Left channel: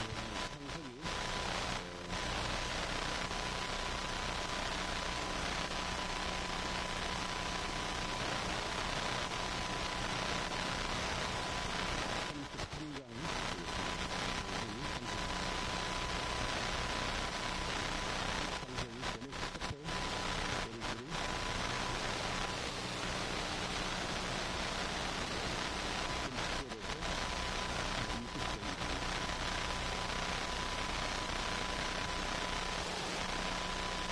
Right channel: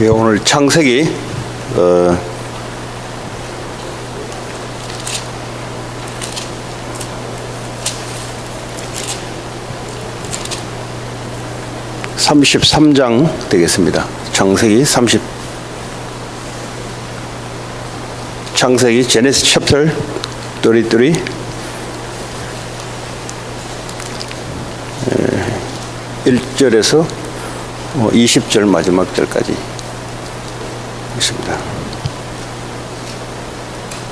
예, 오늘 창세기 33장 되겠습니다. 창세기 제네시스 챕터 33 1절에서 20절 마지막 절까지 있습니다.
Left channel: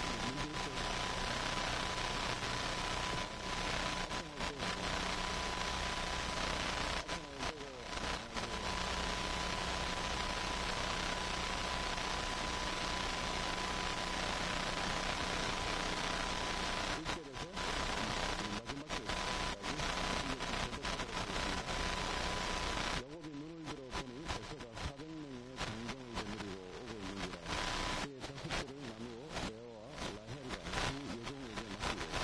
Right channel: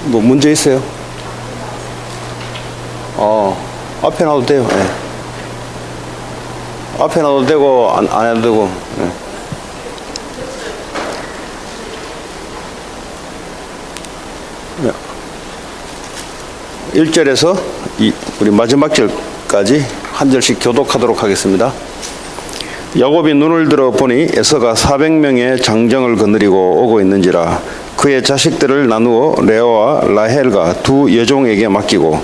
뭐 문제 있어요? 앞에 놔도 돼요. 네. 앞에 놔도 되고 안 해도 되고. 네. 1절에서 우리 마지막 절까지 한 절씩 교독하도록 하겠습니다. 야곱이 눈을 들어 보니 에서가 400명의 장정을 거느리고 오고 있는지라 그의 자식들을 나누어 레아와 라헬과 두 여종에게 맡기고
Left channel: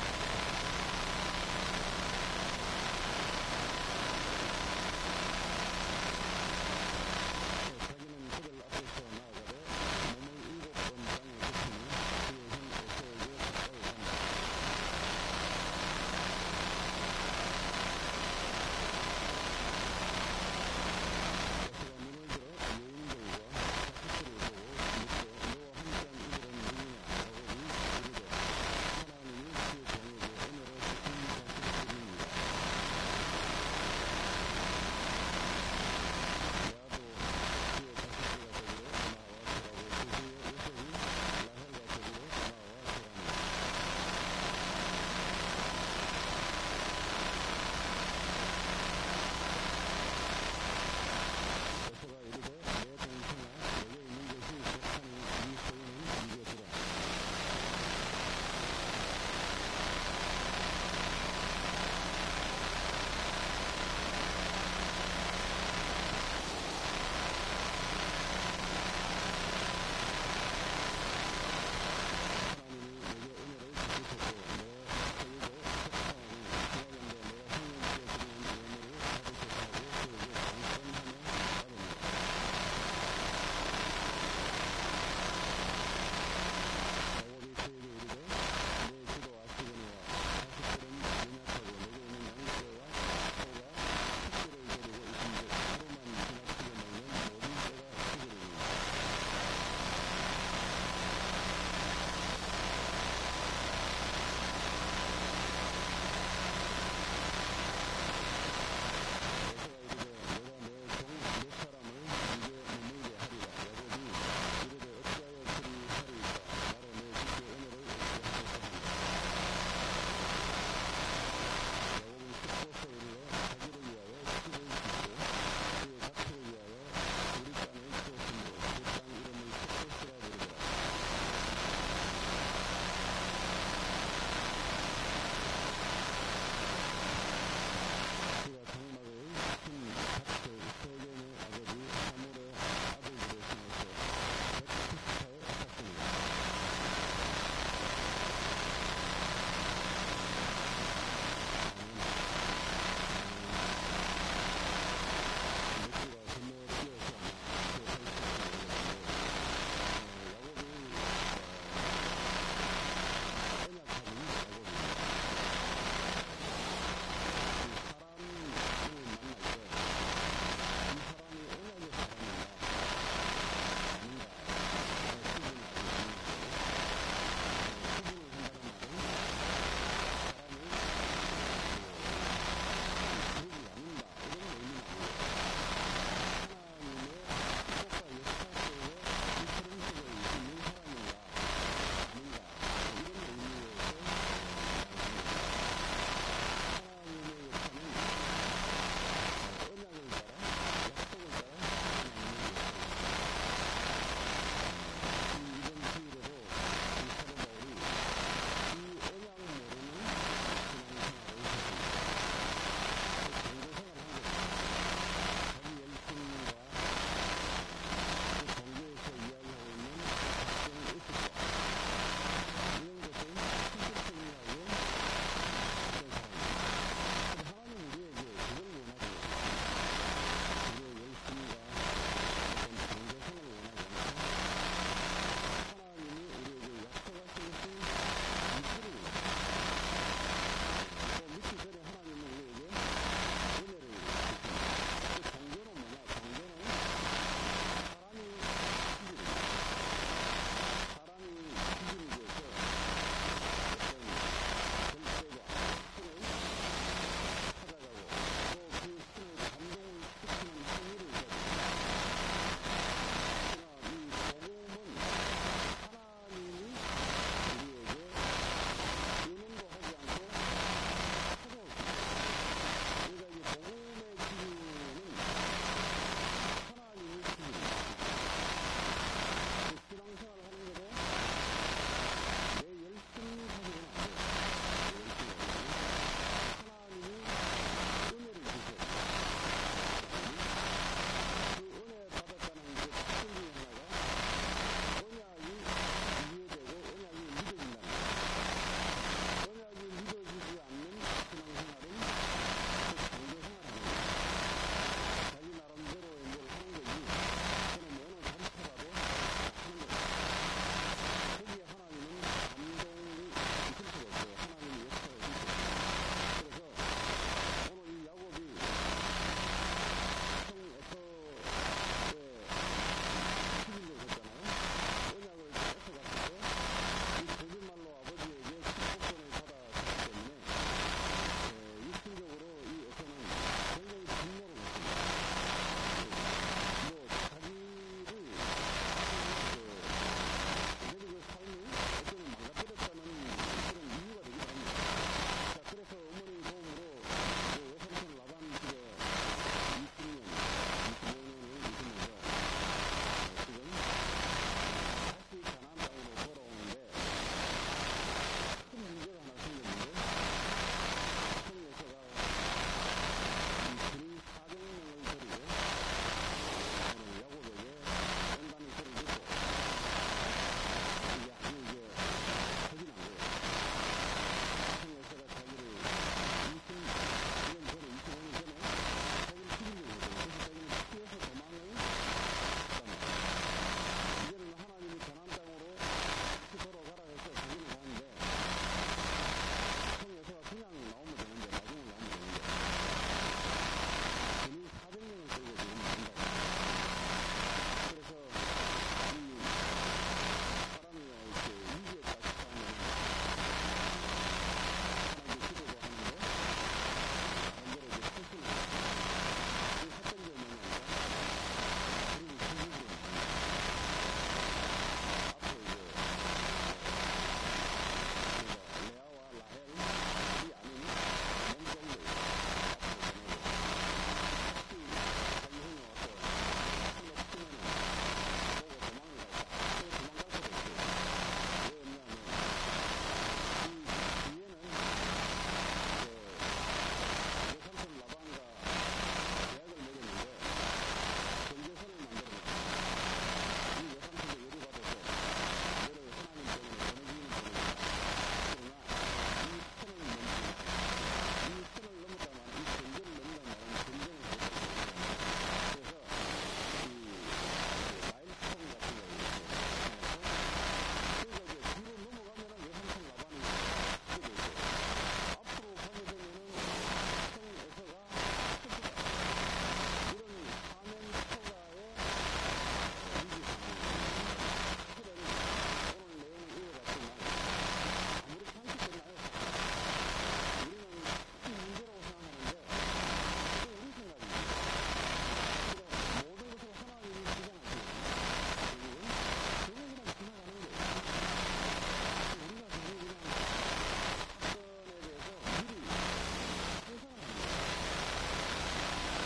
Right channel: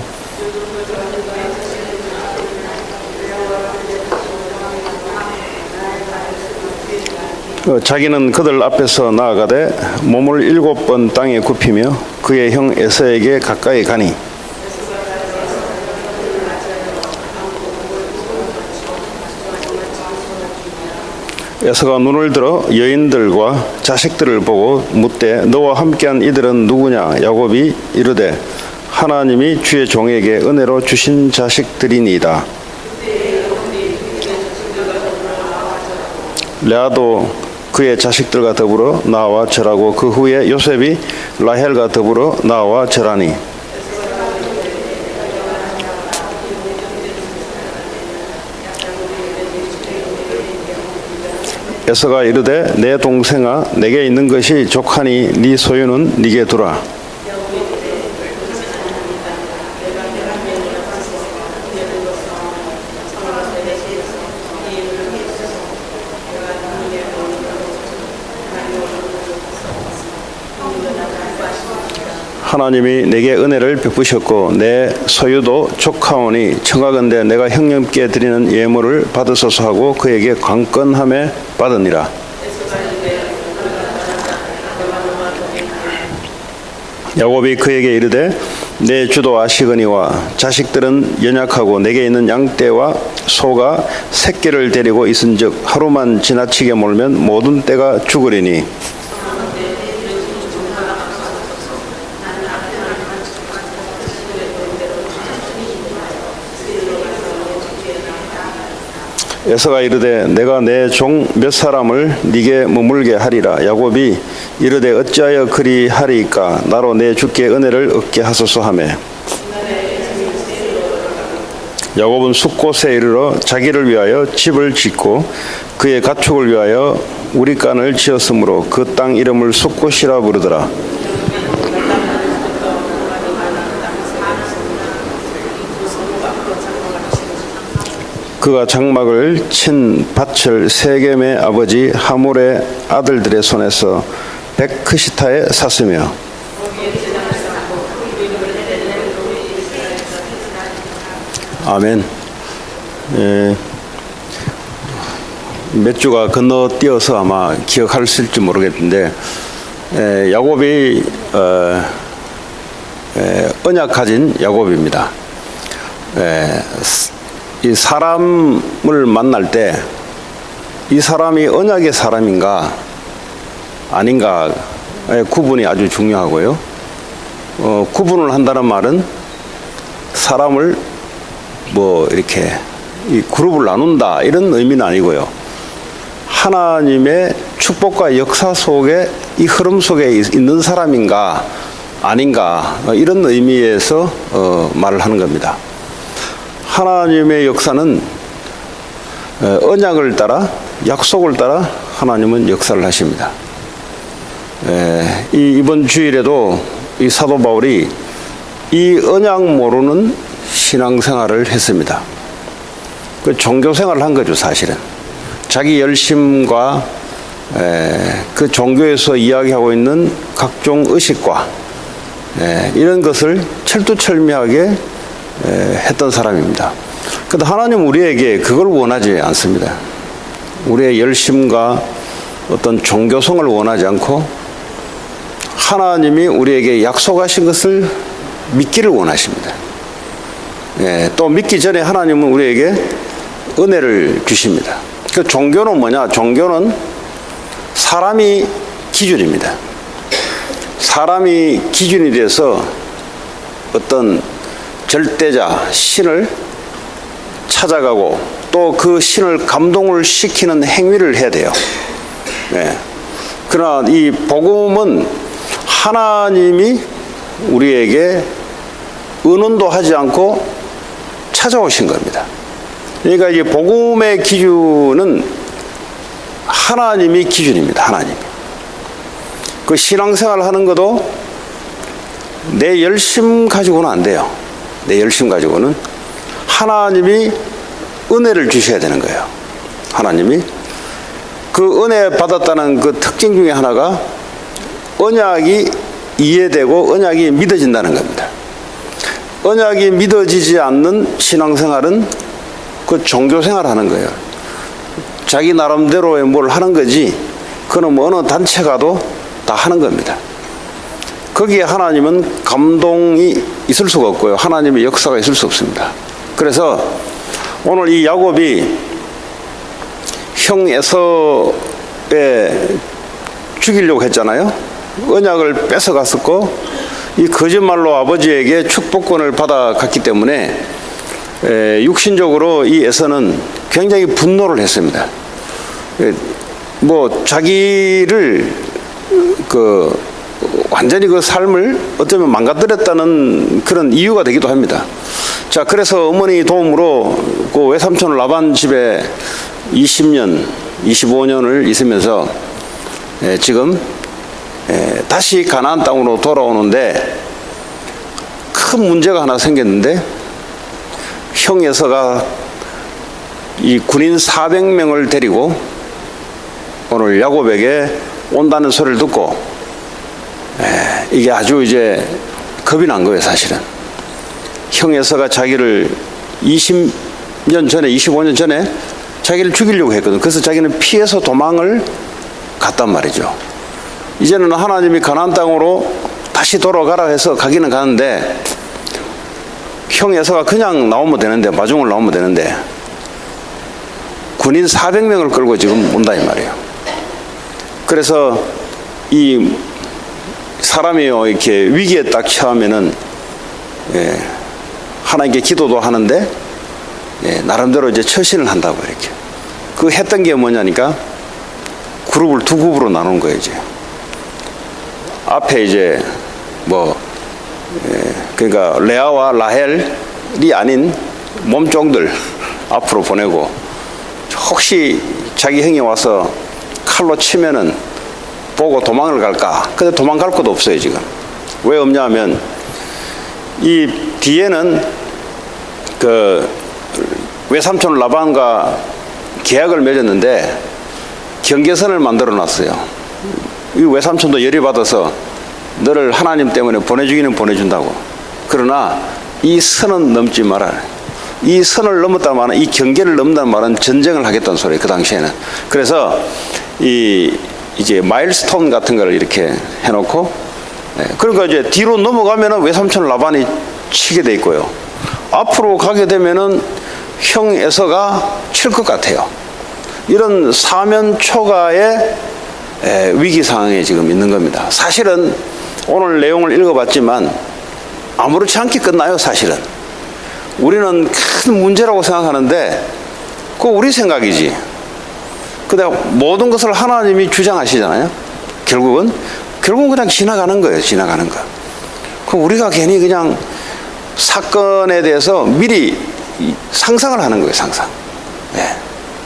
자기는 그들 앞에서 나아가되 몸을 7번 땅에 굽히며 그의 형 에서에게 가까이 가니 에서가 눈을 들어 여인들과 자식들을 보고 묻되 너와 함께한 이들은 누구냐? 야곱이 이르되 하나님이 주의 종에게 은혜로 주신 자식들이니이다. 레아도 그의 자식들과 더불어 나와 절하고 그 후에 요셉이 라헬과 더불어 나와 절하니 에서가 이르되 내 동생아 내게 있는 것이 족하니 네 소유는 네게 두라. 하나님이 내게 은혜를 베푸셨고 내 소유도 족하오니 청하건대 내가 형님께 드리는 예물을 받으소서 하고 그에게 관건함에 받으니라. 야곱이 그에게 이르되 내 주도 아시거니와 자식들은 연약하고 내게 있는 양떼와 소가 새끼를 데리고 있은즉 하루만 지나치게 몰면 모든 떼가 죽으리니 에서가 이르되 내가 내 종 몇 사람을 네게 머물게 하리라. 야곱이 이르되 어찌하여 그리 하리이까? 나로 내 주께 은혜를 얻게 하소서 하며 야곱은 숫곳에 이르러 자기를 위하여 집을 짓고 그의 가축을 위하여 우리간을 지었으므로 그 땅 이름을 숫곳이라 부르더라. 그가 장막을 친 밭을 세겜의 아버지 하몰의 아들들의 손에서 백크시타에 샀으며 아멘. 몇 주가 건너뛰어서 아마 기억하실지 모르겠는데 야곱이 언약 가진 야곱입니다. 이 사람을 만날 때 이 사람이 언약의 사람인가 아닌가 구분이 아주 중요하고요. 구분을 한다는 말은 사람을 뭐 이렇게 이 그룹을 나눈다 이런 의미는 아니고요. 하나님의 축복과 역사 속에 이 흐름 속에 있는 사람인가 아닌가 이런 의미에서 말을 하는 겁니다. 하나님의 역사는 언약을 따라 약속을 따라 하나님은 역사를 하십니다. 이번 주일에도 이 사도 바울이 이 언약 모르는 신앙생활을 했습니다. 그 종교생활을 한 거죠. 사실은 자기 열심과 그 종교에서 이야기하고 있는 각종 의식과 이런 것을 철두철미하게 했던 사람입니다. 그런데 하나님 우리에게 그걸 원하지 않습니다. 우리의 열심과 어떤 종교성을 원하지 않고 하나님이 우리에게 약속하신 것을 믿기를 원하십니다. 예, 또 믿기 전에 하나님은 우리에게 은혜를 주십니다. 그 종교는 뭐냐? 종교는 사람이 기준입니다. 사람이 기준이 돼서 어떤 절대자, 신을 찾아가고 또 그 신을 감동을 시키는 행위를 해야 돼요. 예. 그러나 이 복음은 하나님이 우리에게 의논도 하지 않고 찾아오신 겁니다. 그러니까 이 복음의 기준은 하나님이 기준입니다. 하나님. 그 신앙생활 하는 것도 내 열심 가지고는 안 돼요. 내 열심 가지고는 하나님이 은혜를 주셔야 되는 거예요. 하나님이 그 은혜 받았다는 그 특징 중에 하나가 언약이 이해되고 언약이 믿어진다는 겁니다. 언약이 믿어지지 않는 신앙생활은 그 종교생활 하는 거예요. 자기 나름대로의 뭘 하는 거지 그는 뭐 어느 단체 가도 다 하는 겁니다. 거기에 하나님은 감동이 있을 수가 없고요. 하나님의 역사가 있을 수 없습니다. 그래서 오늘 이 야곱이 형 에서에 죽이려고 했잖아요. 언약을 뺏어갔었고 이 거짓말로 아버지에게 축복권을 받아갔기 때문에 육신적으로 이 에서는 굉장히 분노를 했습니다. 뭐 자기를 완전히 그 삶을 어쩌면 망가뜨렸다는 그런 이유가 되기도 합니다. 자, 그래서 어머니 도움으로 그 외삼촌 라반 집에 20년, 25년을 있으면서 지금 다시 가나안 땅으로 돌아오는데 큰 문제가 하나 생겼는데 형 에서가 이 군인 400명을 데리고 오늘 야곱에게 온다는 소리를 듣고 이게 아주 이제 겁이 난 거예요. 사실은 형 에서가 자기를 20년 전에 25년 전에 자기를 죽이려고 했거든. 그래서 자기는 피해서 도망을 갔단 말이죠. 이제는 하나님이 가나안 땅으로 다시 돌아가라 해서 가기는 가는데 형 에서가 그냥 나오면 되는데 마중을 나오면 되는데 군인 400명을 끌고 지금 온다 이 말이에요. 그래서 이 사람이요 이렇게 위기에 딱 처하면은 하나님께 기도도 하는데 나름대로 이제 처신을 한다고 이렇게 그 했던 게 뭐냐니까 그룹을 두 그룹으로 나눈 거예요. 이제 앞에 이제 뭐 그러니까 레아와 라헬이 아닌 몸종들 앞으로 보내고 혹시 자기 형이 와서 칼로 치면은 보고 도망을 갈까? 근데 도망갈 것도 없어요 지금. 왜 없냐 하면 이 뒤에는 그 외삼촌 라반과 계약을 맺었는데 경계선을 만들어 놨어요. 이 외삼촌도 열이 받아서 너를 하나님 때문에 보내주기는 보내준다고. 그러나 이 선은 넘지 마라. 이 선을 넘었다는 말은 이 경계를 넘는다는 말은 전쟁을 하겠다는 소리예요. 그 당시에는. 그래서 이제 마일스톤 같은 걸 이렇게 해놓고 그러니까 이제 뒤로 넘어가면은 외삼촌 라반이 치게 돼 있고요. 앞으로 가게 되면은 형 에서가 칠 것 같아요. 이런 사면 초가의 위기 상황에 지금 있는 겁니다. 사실은 오늘 내용을 읽어봤지만 아무렇지 않게 끝나요. 사실은 우리는 큰 문제라고 생각하는데 그거 우리 생각이지. 근데 모든 것을 하나님이 주장하시잖아요. 결국은 그냥 지나가는 거예요. 지나가는 거. 그럼 우리가 괜히 그냥 사건에 대해서 미리 상상을 하는 거예요. 상상.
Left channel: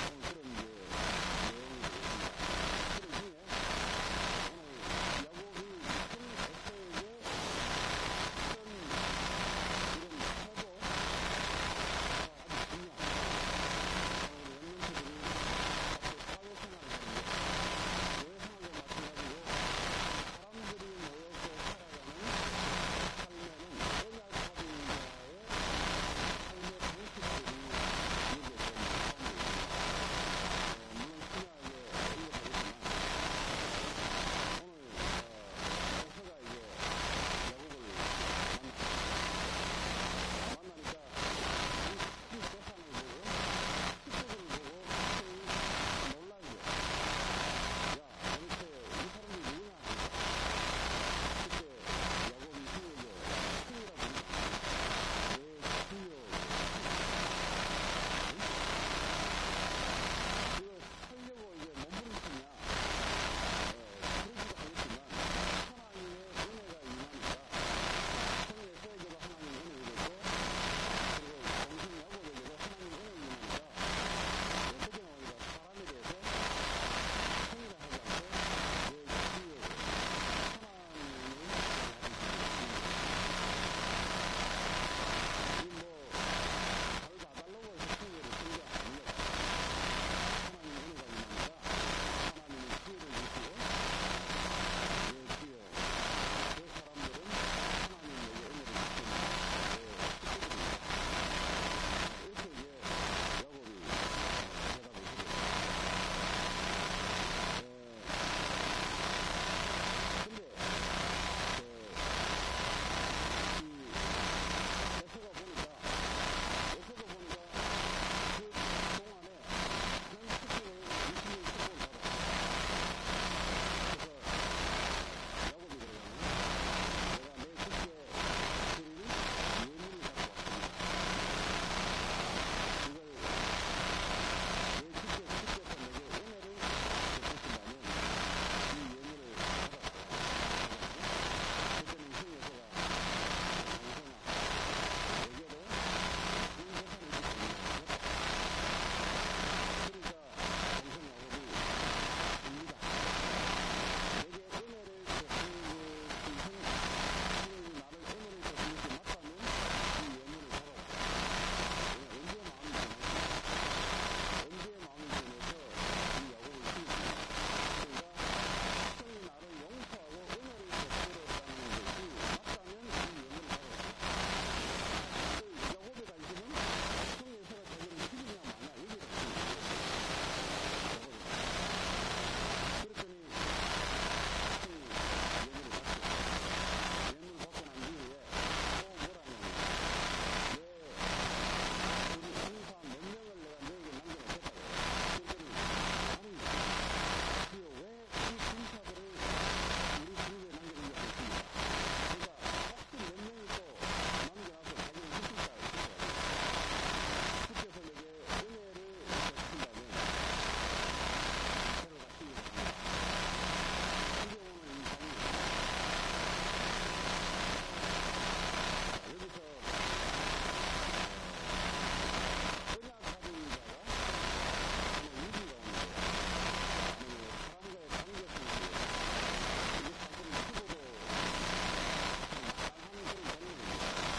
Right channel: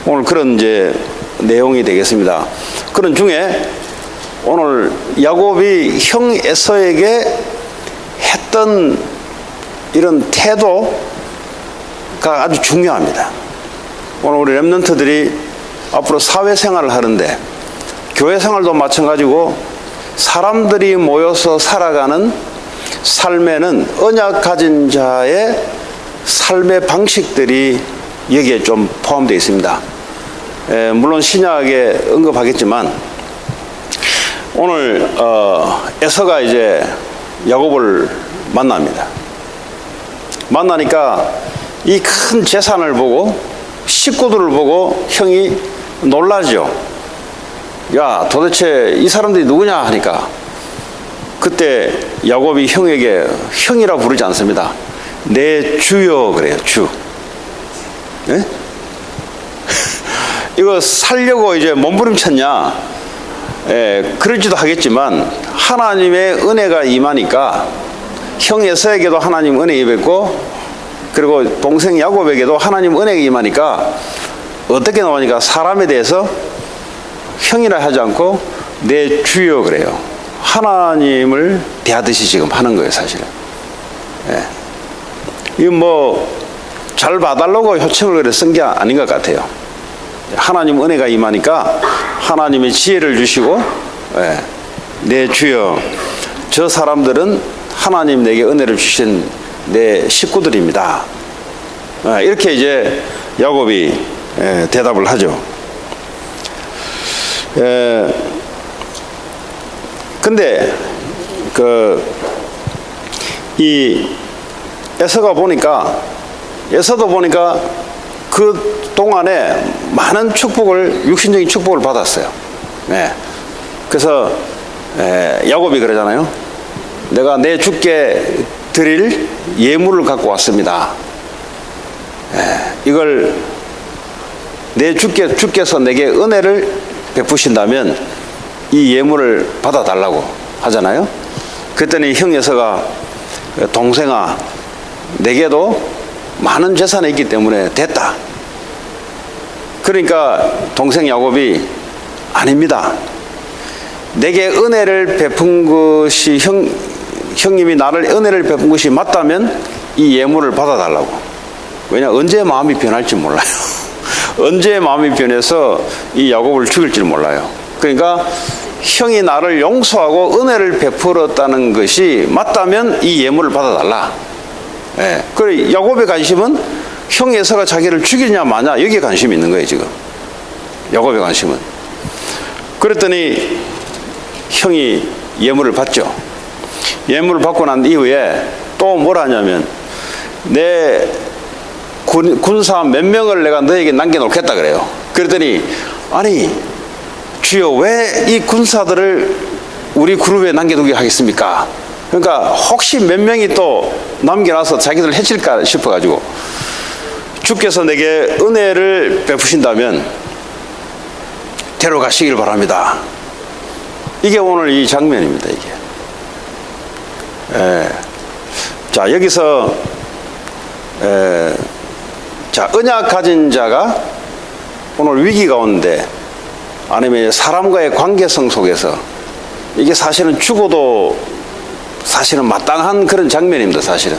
오늘 그런 이제 내용이 되겠습니다. 그런 중에 오늘 야곱이 형 에서에게 했던 이런 태도가 아주 중요합니다. 오늘 우리 렘넌트들이 앞으로 사회생활을 하는데 교회생활도 마찬가지고 사람들이 모여서 살아가는 삶에는 언약 가진 자의 삶의 방식들이 여기에 좀 포함되어 있습니다. 물론 신약에 언급하겠지만 오늘 에서가 이제 야곱을 만납니다. 만나니까 이 큰 재산을 보고 식구들을 보고 형이 놀라죠. 야, 도대체 이 사람들이 누구냐 하니까 그때 야곱이 형에게 형이라 부르지 않습니다. 내 주여 그래요. 주. 네? 이거 살려고 이제 몸부림쳤냐? 그러지도 하겠지만 하나님의 은혜가 임하니까 형 에서에게도 하나님 은혜 임했고 그리고 동생 야곱에게도 하나님 은혜가 임하니까 어떻게 나오니까 사람에 대해서 형이라 하지 않고 내 주여 그래요. 하나님을 대하듯이 지금 하는 거예요, 사실은. 이건 뭐 잘 봐달라고 효청을 그래 쓴 게 아닌 것 같아요. 하나님 은혜가 임하니까 하나님의 지혜를 주시고 내 주여 저 사람들은 하나님 내게 은혜를 주신 내 식구들입니다. 이렇게 이제 야곱이 대답을 하죠. 근데 이 에서가 보니까 그 동안에 많은 축복을 육신적인 축복을 받았어요. 그래서 야곱이 그러잖아요. 내가 내 주께 드릴 예물을 갖고 왔습니다. 이걸 내 주께서 내게 은혜를 베푸신다면 이 예물을 받아달라고 하잖아요. 그랬더니 형 에서가 동생아 내게도 많은 재산이 있기 때문에 됐다. 그러니까 동생 야곱이 아닙니다. 내게 은혜를 베푼 것이 형님이 나를 은혜를 베푼 것이 맞다면 이 예물을 받아달라고. 왜냐 언제 마음이 변할지 몰라요. 언제 마음이 변해서 이 야곱을 죽일지 몰라요. 그러니까 형이 나를 용서하고 은혜를 베풀었다는 것이 맞다면 이 예물을 받아달라. 그래 야곱의 관심은 형 에서가 자기를 죽이냐 마냐 여기에 관심이 있는 거예요 지금. 야곱의 관심은. 그랬더니 형이 예물을 받죠. 예물을 받고 난 이후에 또 뭘 하냐면 내 군사 몇 명을 내가 너에게 남겨놓겠다 그래요. 그랬더니 아니 주여 왜 이 군사들을 우리 그룹에 남겨두게 하겠습니까? 그러니까 혹시 몇 명이 또 남겨놔서 자기들 해칠까 싶어가지고 주께서 내게 은혜를 베푸신다면 데려가시길 바랍니다. 이게 오늘 이 장면입니다. 이게. 자 여기서 자 언약 가진 자가 오늘 위기가 오는데 아니면 사람과의 관계성 속에서 이게 사실은 죽어도 사실은 마땅한 그런 장면입니다. 사실은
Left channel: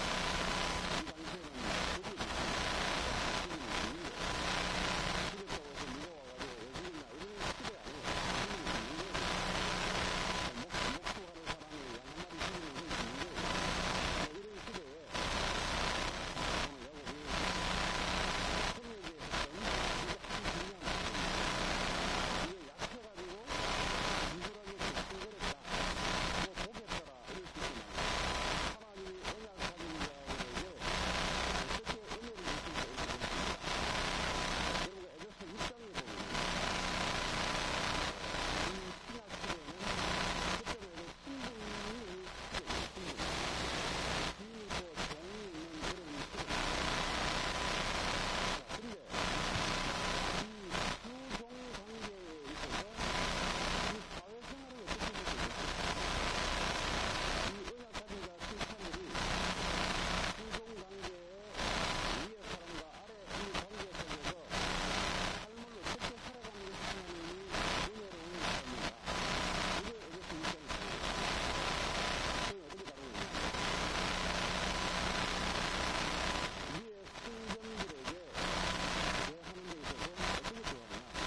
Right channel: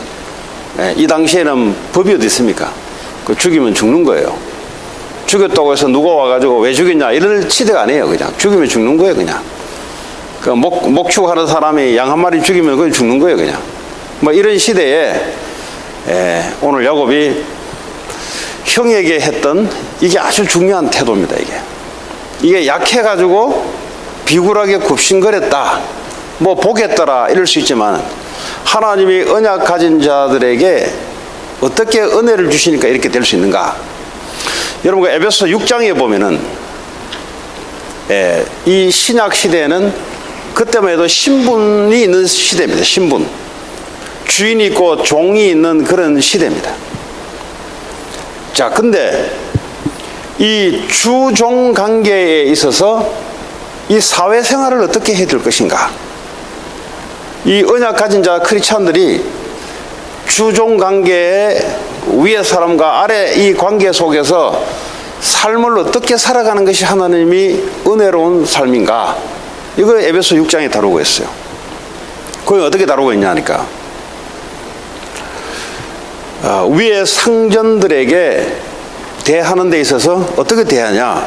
이 당시에는 법이 어디 있습니까? 그 죽이면 죽는 거예요. 죽였다고 해서 누가 와가지고 왜 죽였냐 이럴 시대가 아니에요. 그냥 죽이면 죽는 거예요. 그냥 그 목축하는 사람이 양 한 마리 죽이면 그건 죽는 거예요. 그냥 뭐 이런 시대에 오늘 야곱이 형에게 했던 이게 아주 중요한 태도입니다. 이게 약해가지고 비굴하게 굽신거렸다 뭐 보겠더라 이럴 수 있지만 하나님이 언약 가진 자들에게 어떻게 은혜를 주시니까 이렇게 될 수 있는가. 여러분 에베소 6장에 보면은 이 신약 시대에는 그때만 해도 신분이 있는 시대입니다. 신분 주인이 있고 종이 있는 그런 시대입니다. 자 근데 이 주종 관계에 있어서 이 사회생활을 어떻게 해야 될 것인가. 이 언약 가진 자 크리스찬들이 주종 관계에 위의 사람과 아래 이 관계 속에서 삶을 어떻게 살아가는 것이 하나님이 은혜로운 삶인가. 이걸 에베소 6장에 다루고 있어요. 그걸 어떻게 다루고 있냐 하니까 위의 상전들에게 대하는 데 있어서 어떻게 대하냐.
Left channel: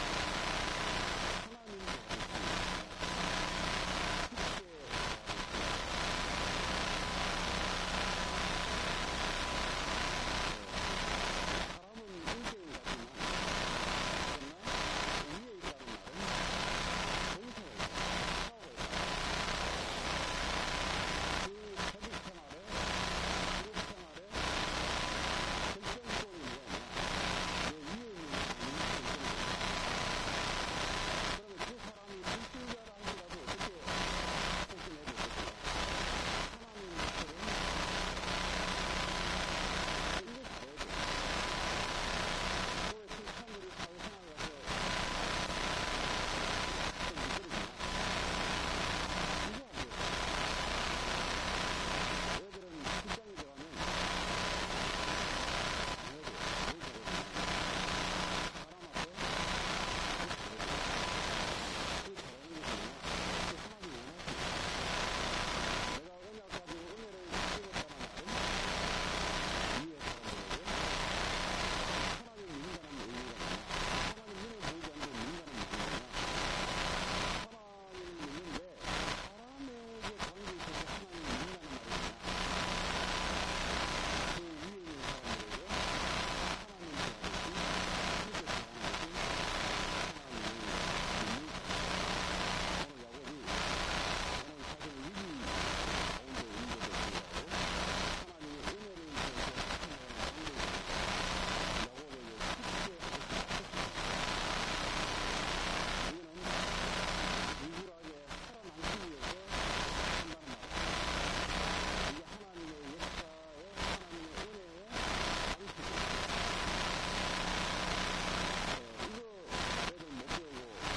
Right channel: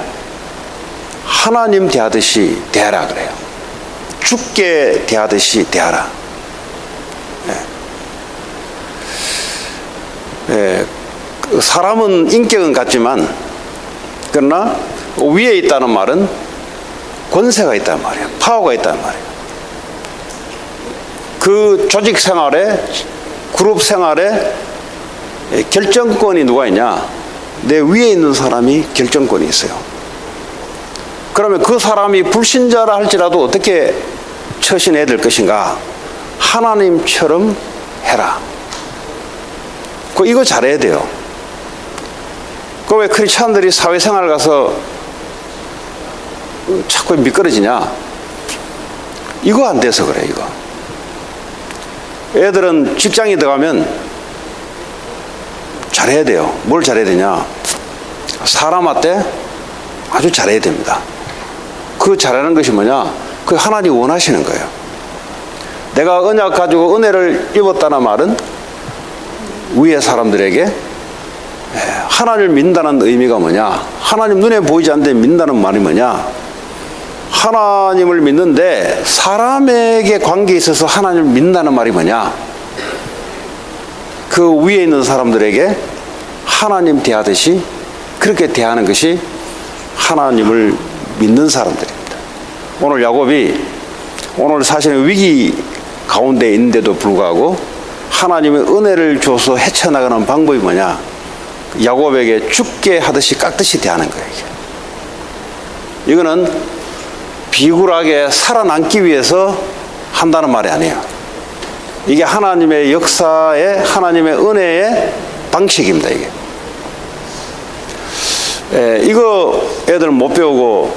하나님 대하듯이 대하라 그래요. 주께 대하듯이 대하라. 사람은 인격은 같지만 그러나 위에 있다는 말은 권세가 있다는 말이에요. 파워가 있다는 말이에요. 그 조직 생활에, 그룹 생활에 결정권이 누가 있냐? 내 위에 있는 사람이 결정권이 있어요. 그러면 그 사람이 불신자라 할지라도 어떻게 처신해야 될 것인가? 하나님처럼 해라. 이거 잘해야 돼요. 왜 크리스찬들이 사회생활 가서 자꾸 미끄러지냐? 이거 안 돼서 그래, 이거. 애들은 직장에 들어가면 잘해야 돼요. 뭘 잘해야 되냐? 사람한테 아주 잘해야 됩니다. 그 잘하는 것이 뭐냐? 그 하나님이 원하시는 거예요. 내가 언약 가지고 은혜를 입었다는 말은 위의 사람들에게 하나님을 믿는다는 의미가 뭐냐? 하나님 눈에 보이지 않는데 믿는다는 말이 뭐냐? 하나님을 믿는데 사람에게 관계에 있어서 하나님을 믿는다는 말이 뭐냐? 그 위에 있는 사람들에게 하나님 대하듯이 그렇게 대하는 것이 하나님을 믿는 사람들입니다. 오늘 야곱이 오늘 사실은 위기 가운데 있는데도 불구하고 하나님의 은혜를 줘서 헤쳐나가는 방법이 뭐냐? 야곱에게 죽게 하듯이 깎듯이 대하는 거예요. 이거는 비굴하게 살아남기 위해서 한다는 말이 아니에요. 이게 하나님의 역사의, 하나님의 은혜의 방식입니다, 이게. 이거 애들 못 배우고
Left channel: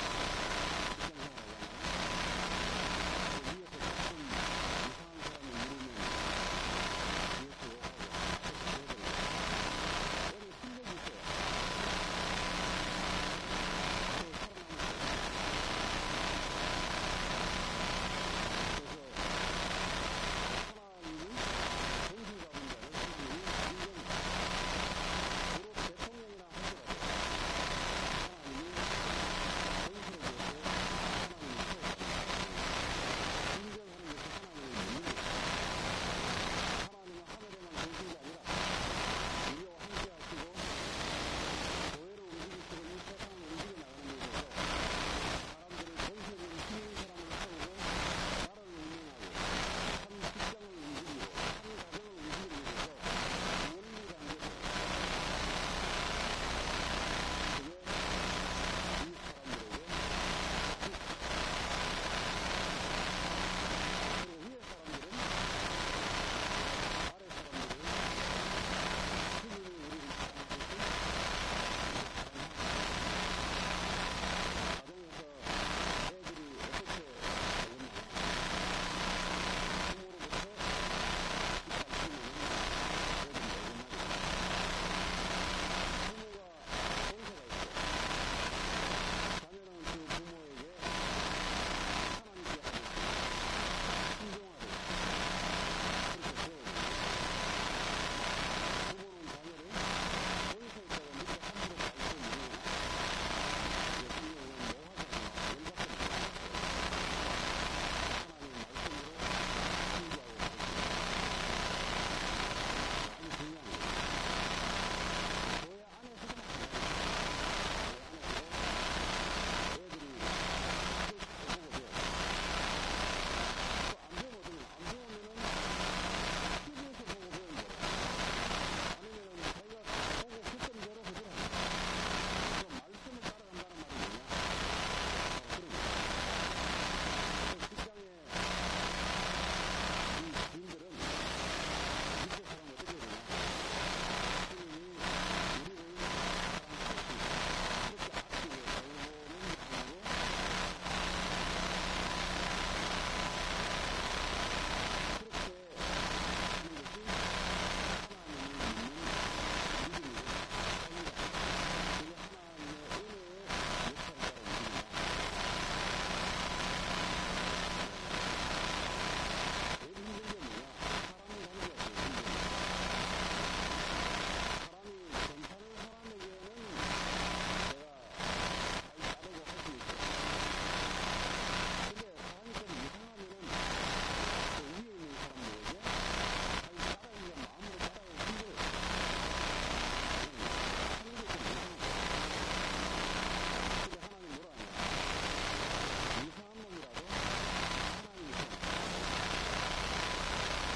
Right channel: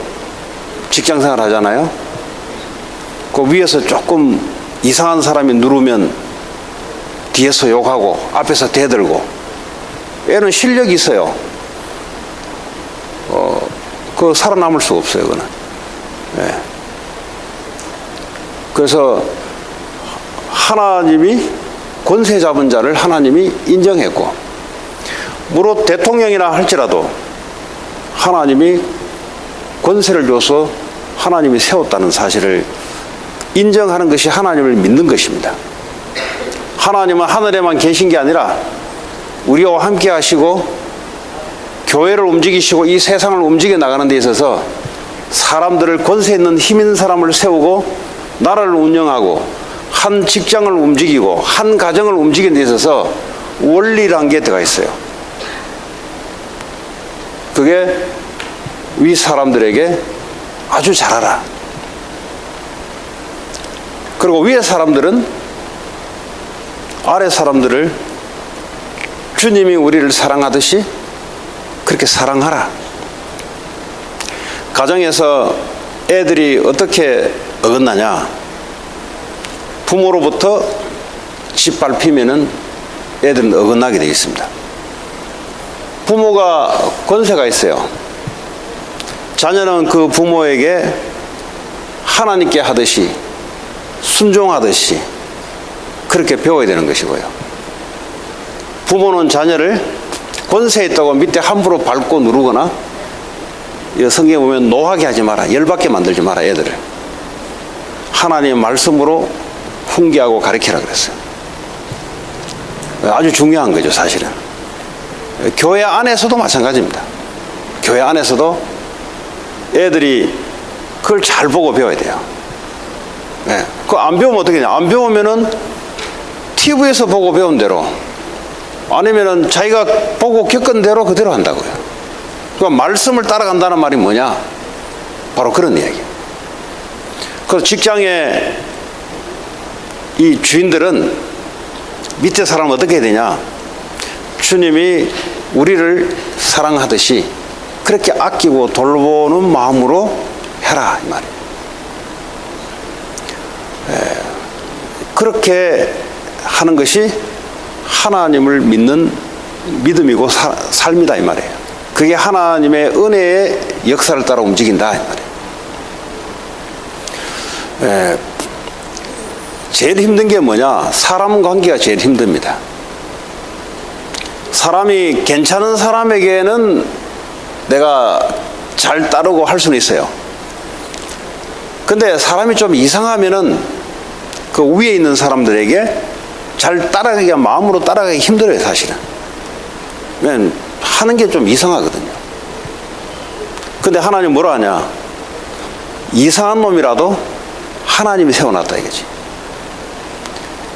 직장 생활 하잖아요. 그 위에서 조금 이상한 사람이 누르면 뒤에서 욕하고 앞에서 대들고. 애는 실력이 있어요. 그 살아남을 수가 없어요, 그거는. 그래서 하나님이 권세 잡은 자를 하나님이 인정했고, 무릇 대통령이라 할지라도 하나님이 권세를 줘서 하나님이 세웠다는 사실을 인정하는 것이 하나님을 믿는 것입니다. 하나님은 하늘에만 계신 게 아니라 우리와 함께 하시고 교회를 움직이시고 이 세상을 움직여 나가는 데 있어서 사람들을 권세 있는 힘 있는 사람을 세우고 나라를 운영하고 한 직장을 움직이고 한 가정을 움직이는 데 있어서 원리라는 게 들어가 있어요. 그게 위 사람들에게 아주 잘하라. 그리고 위에 사람들은 아래 사람들을 주님이 우리를 사랑하듯이 그렇게 사랑하라. 가정에서 애들이 어떻게 어긋나냐? 부모로부터 짓밟히면은 애들은 어긋나게 되어 있습니다. 부모가 권세가 있어요. 자녀는 그 부모에게 하나님께 하듯이 순종하듯이 그렇게 배워야 되는 것이고요. 부모는 자녀를 권세 있다고 밑에 함부로 밟고 누르거나, 성경에 보면 노하게 하지 마라, 열받게 만들지 마라, 애들을. 하나님의 말씀으로 훈계하고 가르치라 그랬어요. 아주 중요한 거죠, 사실은. 교회 안에서도 마찬가지입니다. 교회 안에서도 애들이 그걸 잘 보고 배워야 돼요. 그거 안 배우면 어떻게 되냐? 안 배우면은 TV에서 보고 배운 대로, 아니면은 자기가 보고 겪은 대로 그대로 한다고요. 그러니까 말씀을 따라간다는 말이 뭐냐? 바로 그런 이야기예요. 그래서 직장에 이 주인들은 밑에 사람은 어떻게 해야 되냐? 주님이 우리를 사랑하듯이 그렇게 아끼고 돌보는 마음으로 해라, 이 말이에요. 그렇게 하는 것이 하나님을 믿는 믿음이고 삶이다, 이 말이에요. 그게 하나님의 은혜의 역사를 따라 움직인다, 이 말이에요. 제일 힘든 게 뭐냐? 사람 관계가 제일 힘듭니다. 사람이 괜찮은 사람에게는 내가 잘 따르고 할 수는 있어요. 근데 사람이 좀 이상하면은 그 위에 있는 사람들에게 잘 따라가기가, 마음으로 따라가기 힘들어요, 사실은. 하는 게 좀 이상하거든요. 근데 하나님 뭐라 하냐? 이상한 놈이라도 하나님이 세워놨다 이거지.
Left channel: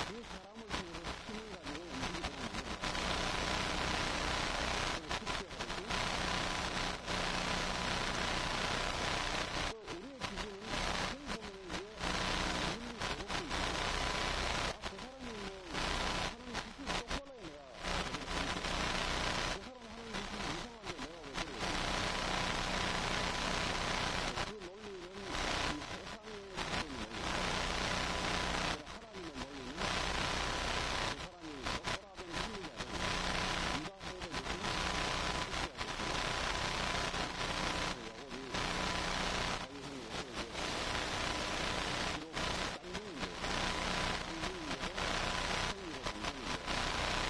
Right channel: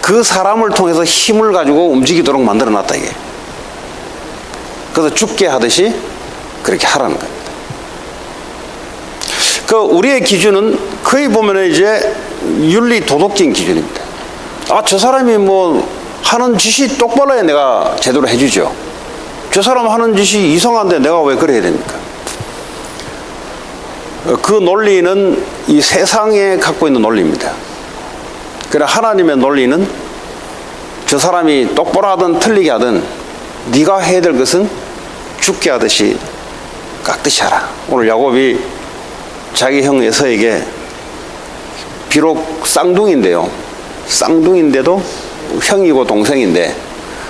그 사람을 통해서 힘을 가지고 움직이도록 만들어놨다 이게. 그래서 죽게 하듯이 그렇게 하라는 겁니다. 그 우리의 기준은 거의 보면 이제 윤리 도덕적인 기준입니다. 아, 저 사람이 뭐 하는 짓이 똑바로 해야 내가 제대로 해주죠. 저 사람 하는 짓이 이상한데 내가 왜 그래야 됩니까? 그 논리는 이 세상에 갖고 있는 논리입니다. 그러나 하나님의 논리는 저 사람이 똑바로 하든 틀리게 하든 네가 해야 될 것은 죽게 하듯이 깍듯이 하라. 오늘 야곱이 자기 형 에서에게 비록 쌍둥이인데요. 쌍둥이인데도 형이고 동생인데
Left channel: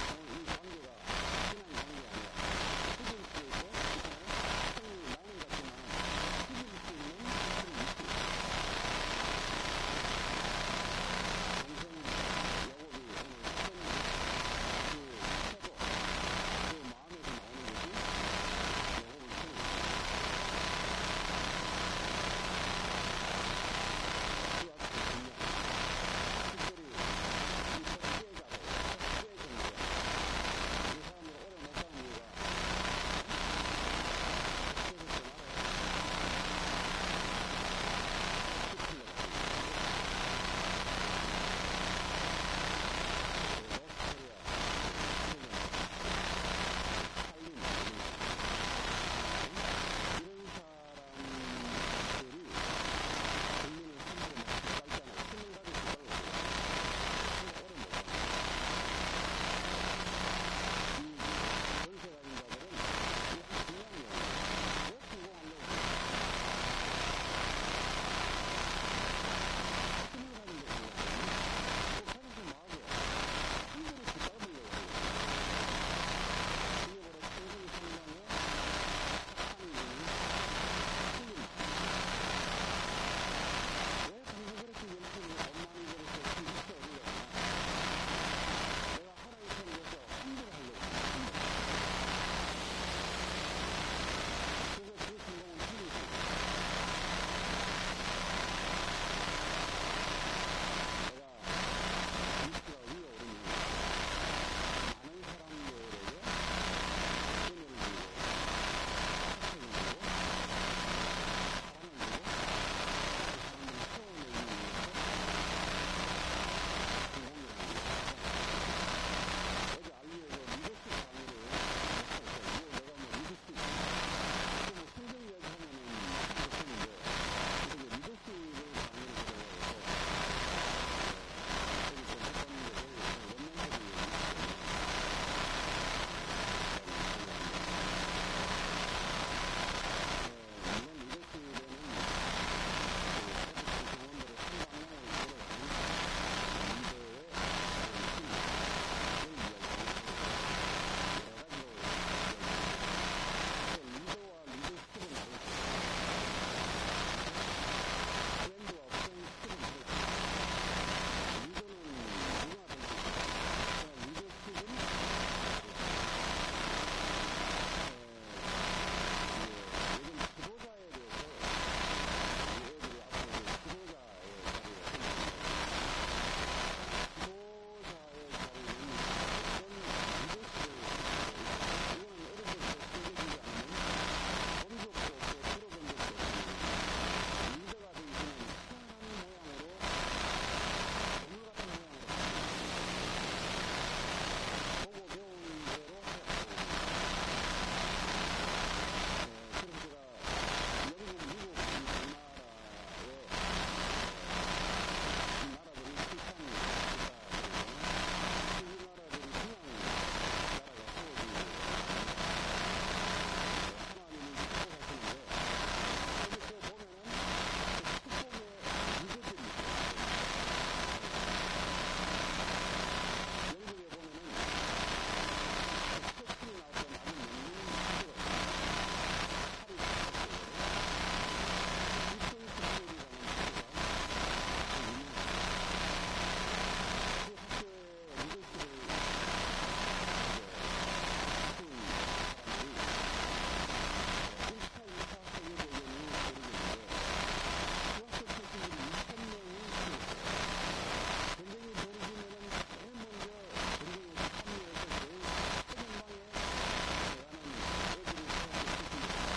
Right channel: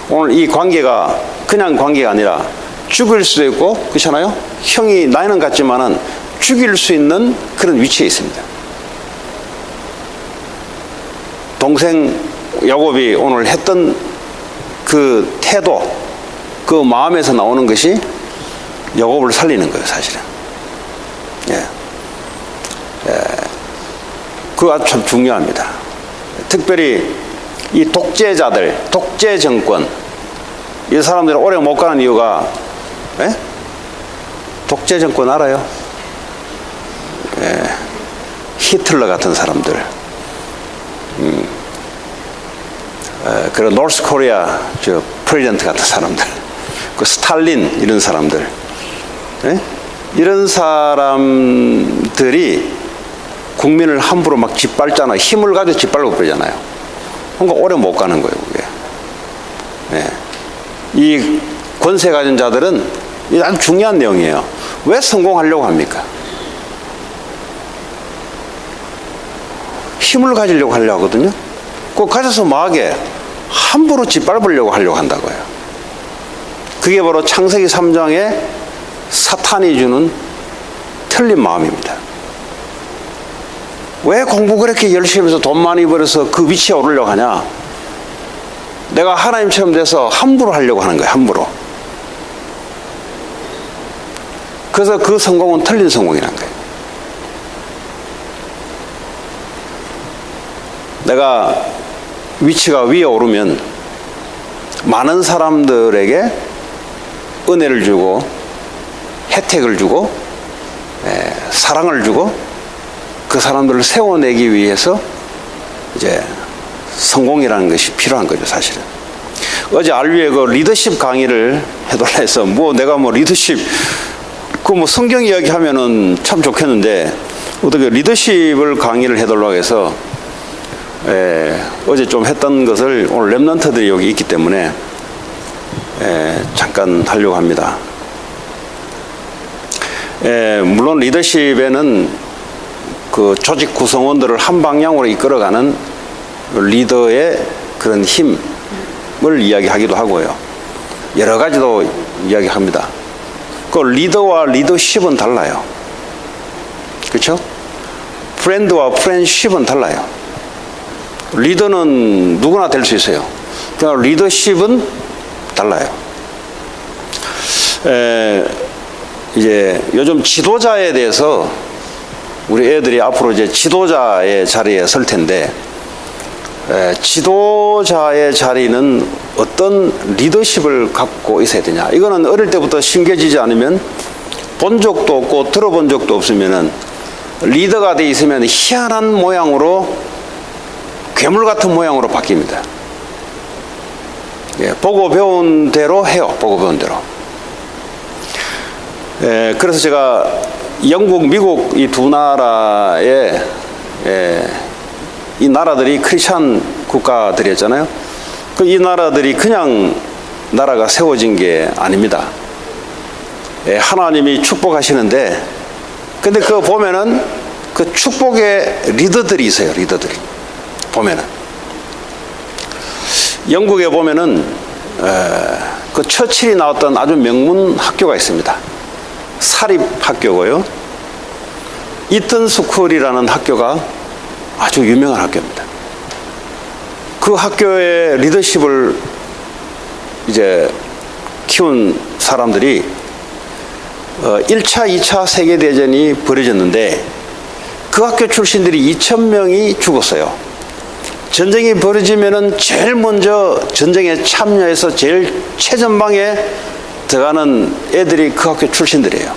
오늘 이 관계가 그냥 관계가 아니라 죽일 수도 있고 그렇잖아요. 형이 나이는 같지만은 죽일 수 있는 그런 위치에 있습니다. 동생 야곱이 오늘 했던 그 태도, 그 마음에서 나오는 것이 야곱을 살리는 거예요, 사실은. 예. 그거 참 중요합니다. 특별히 이 독재자들, 독재 정권, 이 사람들이 오래 못 가는 이유가, 예? 독재 정권 알아요? 예. 히틀러 같은 사람들, 그리고 노스 코리아 저 프레지던트 같은 사람들, 그 스탈린 이런 사람들, 예? 이런 사람들이 국민을 함부로 막 짓밟잖아요. 힘을 가지고 짓밟고 그러잖아요. 그러니까 오래 못 가는 거예요, 그게. 예. 이 권세 가진 자들은 이게 아주 중요한 내용이에요. 왜 성공하려고 합니까? 힘을 가지려고 하려고 하거든요. 그거 가져서 뭐하게? 함부로 짓밟으려고 하려고 한다고요. 그게 바로 창세기 3장에 사탄이 주는 틀린 마음입니다. 왜 공부 그렇게 열심히 해서 돈 많이 벌어서 그 위치에 오르려고 하냐? 내가 하나님처럼 돼서 함부로 하려고 하는 거예요. 함부로. 그래서 그 성공은 틀린 성공이라는 거예요. 내가 위치가 위에 오르면 많은 사람들에게 은혜를 주고 혜택을 주고 사랑을 주고 그 사람들을 세워내기 위해서 이제 성공이라는 것이 필요한 거죠, 사실은. 어제 알위에 그 리더십 강의를 해달라 해서 뭐 내가 뭐 리더십 그 뭐 성경 이야기 하면은 참 좋겠는데 어떻게 리더십을 강의를 해달라고 해서 어제 좀 했던 것을 오늘 랩런트들이 여기 있기 때문에 잠깐 하려고 합니다. 물론 리더십에는 그 조직 구성원들을 한 방향으로 이끌어가는 리더의 그런 힘을 이야기하기도 하고요. 여러 가지도 이야기합니다. 그 리더와 리더십은 달라요. 그렇죠? 프렌드와 프렌드십은 달라요. 리더는 누구나 될 수 있어요. 그러나 리더십은 달라요. 이제 요즘 지도자에 대해서 우리 애들이 앞으로 이제 지도자의 자리에 설 텐데, 지도자의 자리는 어떤 리더십을 갖고 있어야 되냐. 이거는 어릴 때부터 심겨지지 않으면 본 적도 없고 들어본 적도 없으면은 리더가 돼 있으면 희한한 모양으로 괴물 같은 모양으로 바뀝니다. 보고 배운 대로 해요. 보고 배운 대로. 그래서 제가 영국, 미국 이 두 나라의 이 나라들이 크리스찬 국가들이었잖아요. 이 나라들이 그냥 나라가 세워진 게 아닙니다. 하나님이 축복하시는데, 근데 그거 보면은 그 축복의 리더들이 있어요. 리더들이 보면은 영국에 보면은 그 처칠이 나왔던 아주 명문 학교가 있습니다. 사립 학교고요. 이튼 스쿨이라는 학교가 아주 유명한 학교입니다. 그 학교의 리더십을 이제 키운 사람들이 1차, 2차 세계대전이 벌어졌는데 그 학교 출신들이 2,000명이 죽었어요. 전쟁이 벌어지면은 제일 먼저 전쟁에 참여해서 제일 최전방에 들어가는 애들이 그 학교 출신들이에요.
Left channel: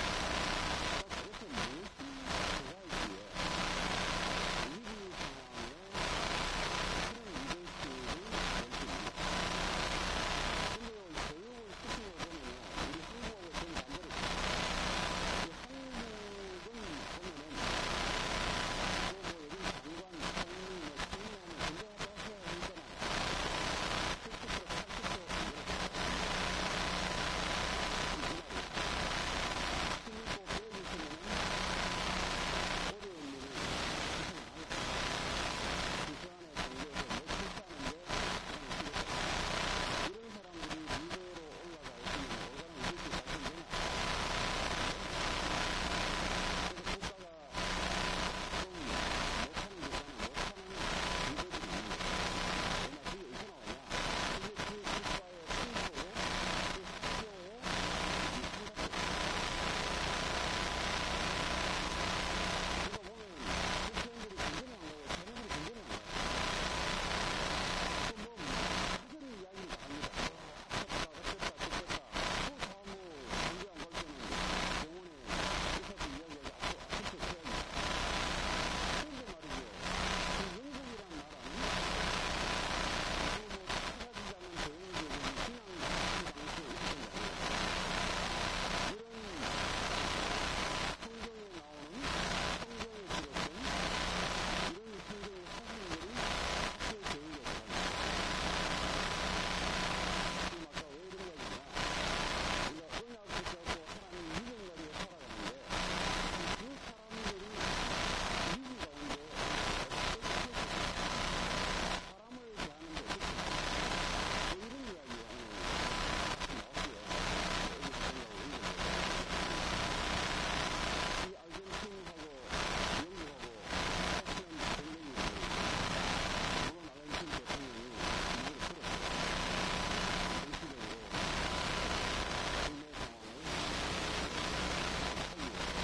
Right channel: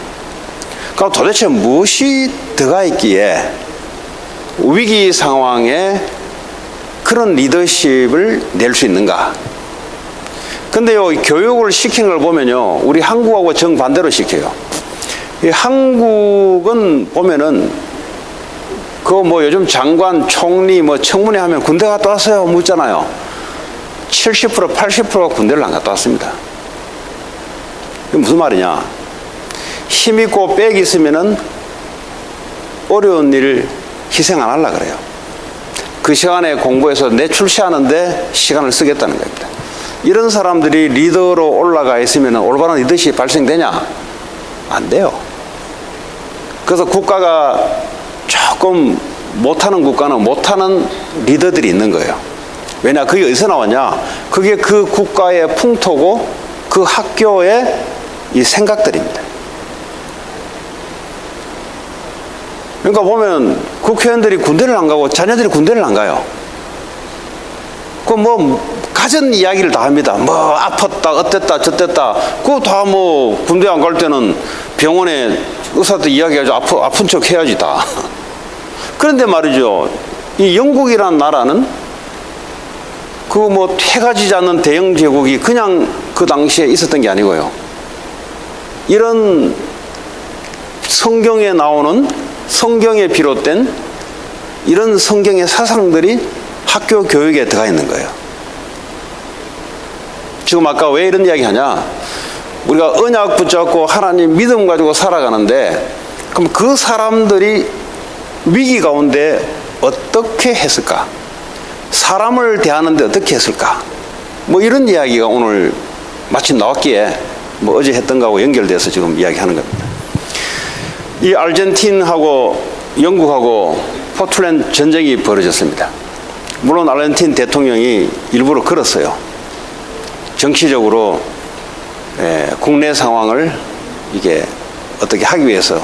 그럼 도대체 무엇이 들어가 있기에 위기 상황에 그런 리더십을 낼 수 있는가? 근데요, 교육을 시키는 걸 보면요, 우리 한국하고 정반대로 시켜요. 이 한국은 보면은 그 뭐 요즘 장관, 총리, 뭐 청문회 하면 군대 갔다 왔어요 묻잖아요. 70%, 80%가 군대를 안 갔다 왔습니다. 이게 무슨 말이냐? 힘 있고 빽 있으면은 어려운 일을 희생 안 하려고 그래요. 그 시간에 공부해서 내 출시하는데 시간을 쓰겠다는 겁니다. 이런 사람들이 리더로 올라가 있으면 올바른 리더십이 발생되냐? 안 돼요. 그래서 국가가 조금 못하는 국가는 못하는 리더들이 있는 거예요. 왜냐? 그게 어디서 나왔냐? 그게 그 국가의 풍토고 그 학교의 이 생각들입니다. 그러니까 보면 국회의원들이 군대를 안 가고 자녀들이 군대를 안 가요. 그 뭐 가진 이야기를 다 합니다. 뭐 아팠다, 어땠다, 저땠다. 그거 다 뭐 군대 안 갈 때는 병원에 의사한테 이야기하죠. 아픈 척 해야지 다. 그런데 말이죠. 이 영국이라는 나라는 그 뭐 해가지지 않는 대영 제국이 그냥 그 당시에 있었던 게 아니고요. 이런 성경에 나오는 성경에 비롯된 이런 성경의 사상들이 학교 교육에 들어가 있는 거예요. 지금 아까 왜 이런 이야기 하냐? 우리가 언약 붙잡고 하나님 믿음 가지고 살아가는데 그럼 그 사람들이 위기 가운데 어떻게 했을까? 사람을 대하는데 어떻게 했을까? 뭐 이런 이야기가 오늘 마침 나왔기에 뭐 어제 했던 거하고 연결돼서 지금 이야기하는 겁니다. 이 아르헨틴하고 영국하고 포틀랜드 전쟁이 벌어졌습니다. 물론 아르헨틴 대통령이 일부러 걸었어요. 정치적으로 국내 상황을 이게 어떻게 하기 위해서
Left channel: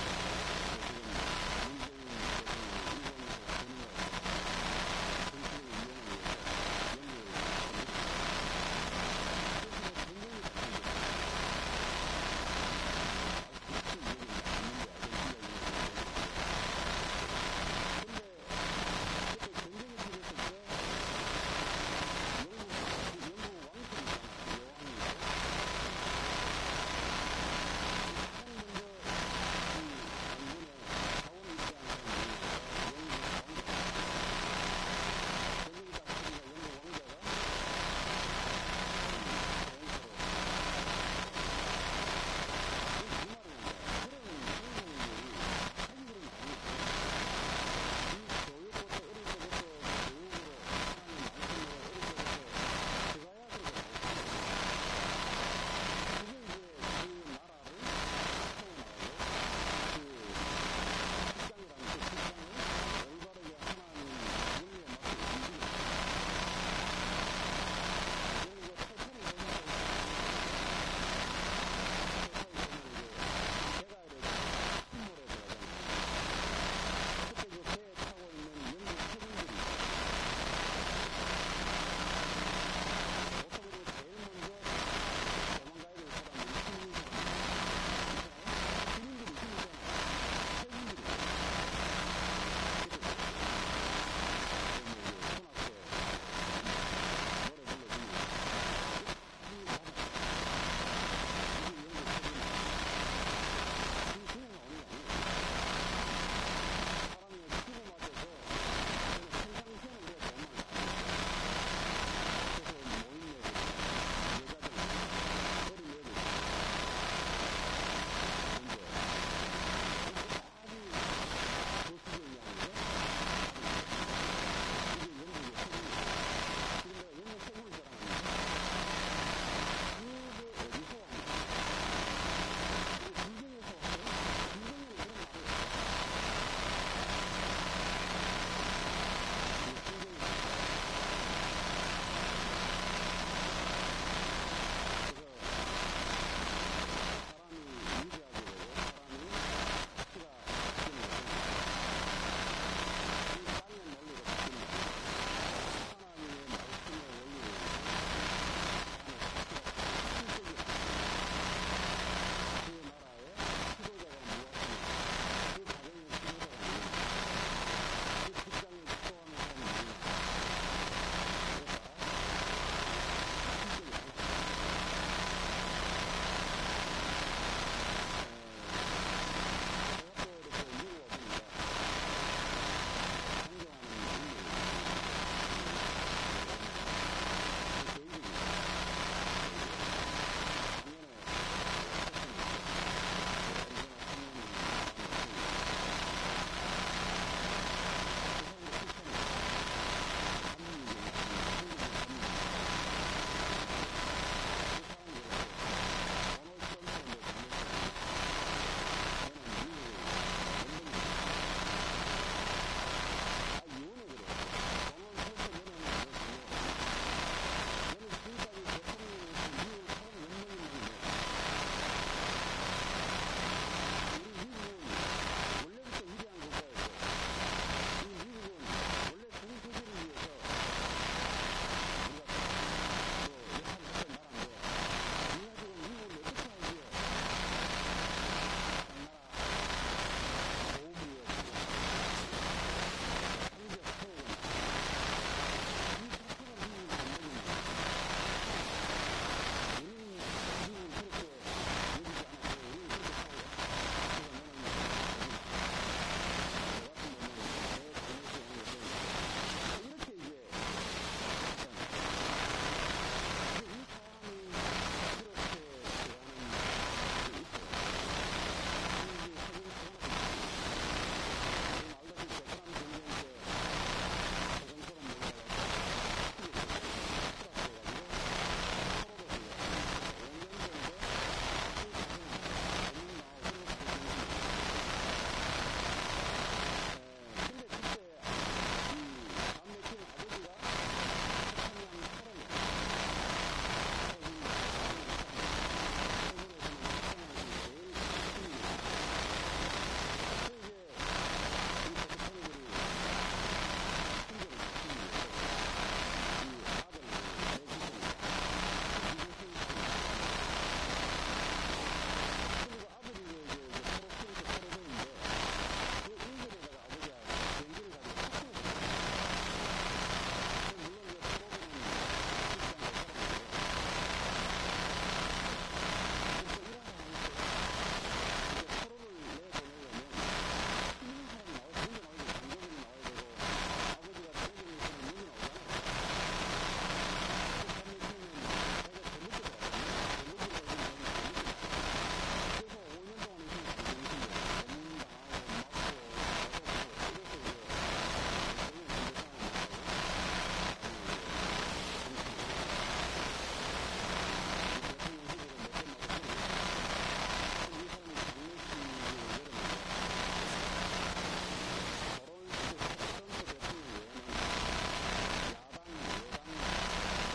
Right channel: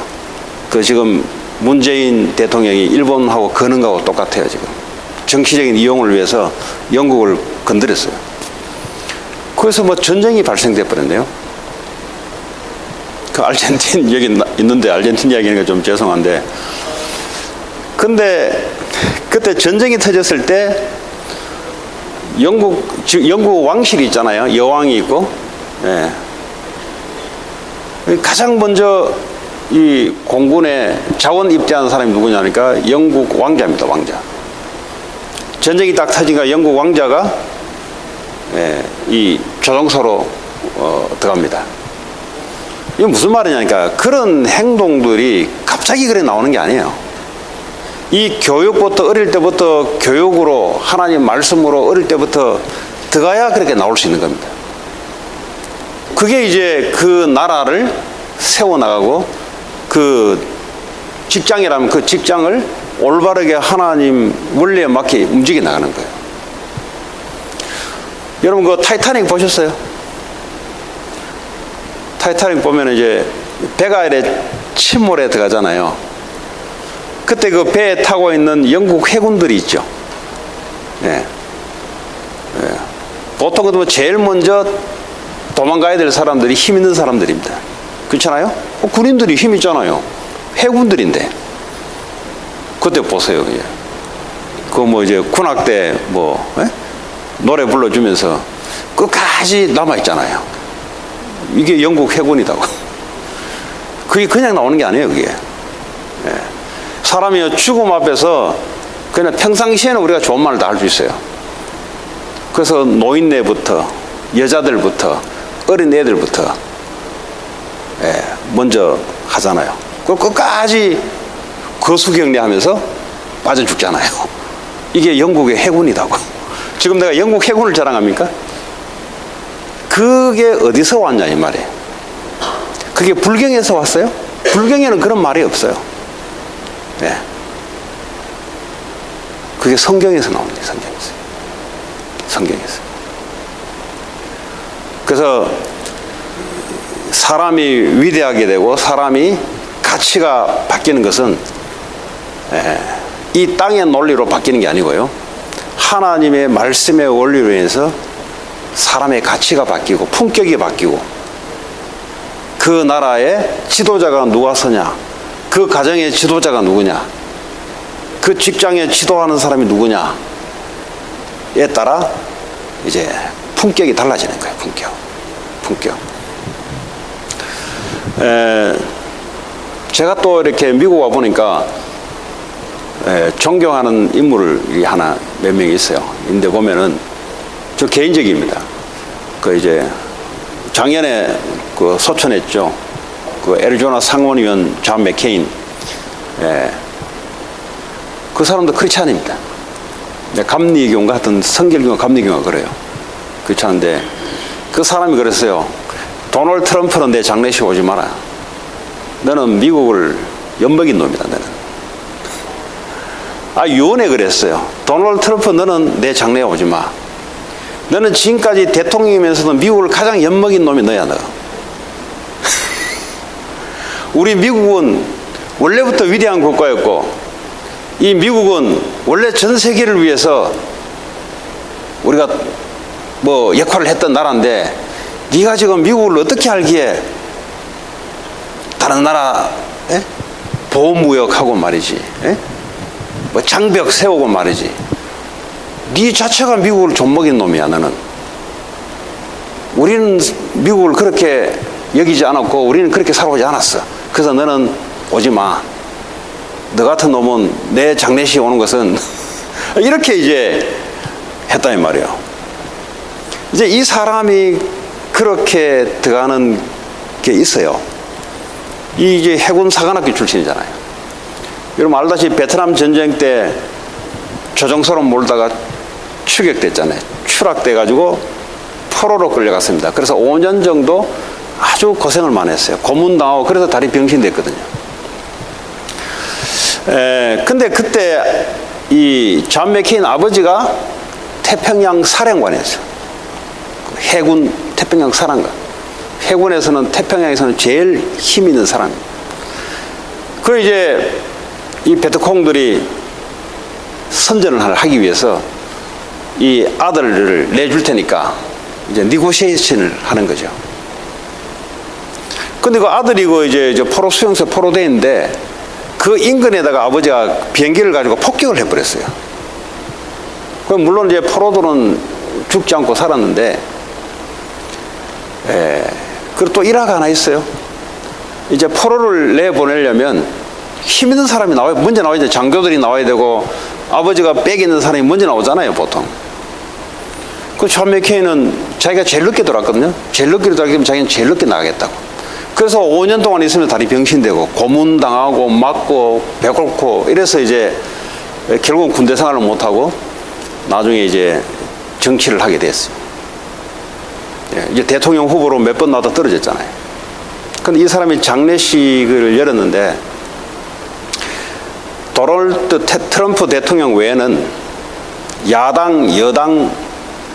그 지금 문재인 대통령이 일본하고 거는 거하고 똑같아요. 지금 정치적인 이용을 위해서 영국을 건드렸어요. 그래서 뭐 전쟁이 발생돼 버렸네요. 그 아르헨틴 여기 있는데 아르헨틴 이야기하는 게 좀 죄송한데, 근데 그때 전쟁이 터졌을 때 영국 왕실이 있잖아요. 여왕이 있고, 예. 가장 먼저 이 공군에 자원 입대하는 사람이 누구냐니까 영국 왕자입니다. 왕자. 전쟁이 딱 터지니까 영국 왕자가 이 조종소로 들어갑니다. 이게 무슨 말이냐니까 그런 행동들이 갑자기 그래 나오는 게 아니에요. 이 교육부터 어릴 때부터 교육으로 하나님 말씀으로 어릴 때부터 들어가야 그렇게 나올 수 있는 겁니다. 그게 이제 그 나라를 세워나가고 그 직장이라면 그 직장을 올바르게 하나님 원리에 맞게 움직여 나가는 거예요. 여러분 그 타이타닉 보셨어요? 타이타닉 보면 이제 배가 이래 침몰에 들어가잖아요. 그때 그 배에 타고 있는 영국 해군들이 있죠. 예. 예. 보통 그러면 제일 먼저 도망가야 될 사람들이 힘 있는 사람들입니다. 그렇잖아요? 군인들이 힘 있잖아요. 해군들인데. 그때 보세요. 그 뭐 이제 군악 때 뭐 노래 불러주면서 끝까지 남아 있잖아요. 이게 영국 해군이다고. 그게 그냥 나오는 게 아니에요. 그게. 예. 사람이 죽음 앞에서 그냥 평상시에는 우리가 좋은 말을 다 할 수 있어요. 그래서 노인네부터 여자들부터 어린 애들부터 먼저 하잖아요. 그걸 끝까지 거수경례하면서 빠져 죽잖아요. 이게 영국의 해군이라고. 지금 내가 영국 해군을 자랑합니까? 그게 어디서 왔냐 이 말이에요. 그게 불경에서 왔어요? 불경에는 그런 말이 없어요. 네. 그게 성경에서 나옵니다. 성경에서. 성경에서. 그래서 사람이 위대하게 되고 사람이 가치가 바뀌는 것은 이 땅의 논리로 바뀌는 게 아니고요. 하나님의 말씀의 원리로 인해서 사람의 가치가 바뀌고 품격이 바뀌고 그 나라의 지도자가 누가 서냐, 그 가정의 지도자가 누구냐, 그 직장에 지도하는 사람이 누구냐에 따라 이제 품격이 달라지는 거예요. 품격. 제가 또 이렇게 미국 와 보니까 존경하는 인물이 하나 몇 명 있어요. 근데 보면은 저 개인적입니다. 그 이제 작년에 그 소천했죠. 그 애리조나 상원의원 존 맥케인. 그 사람도 크리스찬입니다. 감리교인가 하여튼 성결교인가 감리교인가 그래요. 그렇잖은데 그 사람이 그랬어요. 도널드 트럼프는 내 장례식 오지 마라. 너는 미국을 엿먹인 놈이다. 너는. 유언에 그랬어요. 도널드 트럼프 너는 내 장례에 오지 마. 너는 지금까지 대통령이면서도 미국을 가장 엿먹인 놈이 너야. 너. 우리 미국은 원래부터 위대한 국가였고 이 미국은 원래 전 세계를 위해서 우리가 뭐 역할을 했던 나라인데 네가 지금 미국을 어떻게 알기에 다른 나라 보호무역하고 말이지, 뭐 장벽 세우고 말이지. 네 자체가 미국을 좀먹인 놈이야. 너는. 우리는 미국을 그렇게 여기지 않았고 우리는 그렇게 살아오지 않았어. 그래서 너는 오지 마. 너 같은 놈은 내 장례식에 오는 것은 이렇게 이제 했단 말이에요. 이제 이 사람이 그렇게 들어가는 게 있어요. 이 이제 해군 사관학교 출신이잖아요. 여러분 알다시피 베트남 전쟁 때 조종사로 몰다가 추격됐잖아요. 추락돼가지고 포로로 끌려갔습니다. 그래서 5년 정도 아주 고생을 많이 했어요. 고문당하고 그래서 다리 병신됐거든요. 근데 그때 이 존 맥케인 아버지가 태평양 사령관이었어요. 해군 태평양 사령관. 해군에서는 태평양에서는 제일 힘 있는 사람이에요. 그리고 이제 이 베트콩들이 선전을 하기 위해서 이 아들을 내줄 테니까 이제 니고시에이션을 하는 거죠. 근데 그 아들이 그 이제 포로 수용소에 포로돼 있는데 그 인근에다가 아버지가 비행기를 가지고 폭격을 해버렸어요. 그럼 물론 이제 포로들은 죽지 않고 살았는데, 그리고 또 일화가 하나 있어요. 이제 포로를 내보내려면 힘 있는 사람이 먼저 나와야 돼. 장교들이 나와야 되고 아버지가 빽 있는 사람이 먼저 나오잖아요, 보통. 그 존 맥케인은 자기가 제일 늦게 돌아왔거든요. 제일 늦게 돌아가면 자기는 제일 늦게 나가겠다고. 그래서 5년 동안 있으면 다리 병신되고 고문당하고 맞고 배고프고 이래서 이제 결국은 군대 생활을 못하고 나중에 이제 정치를 하게 됐어요. 이제 대통령 후보로 몇 번 나와도 떨어졌잖아요. 근데 이 사람이 장례식을 열었는데 도널드 트럼프 대통령 외에는 야당, 여당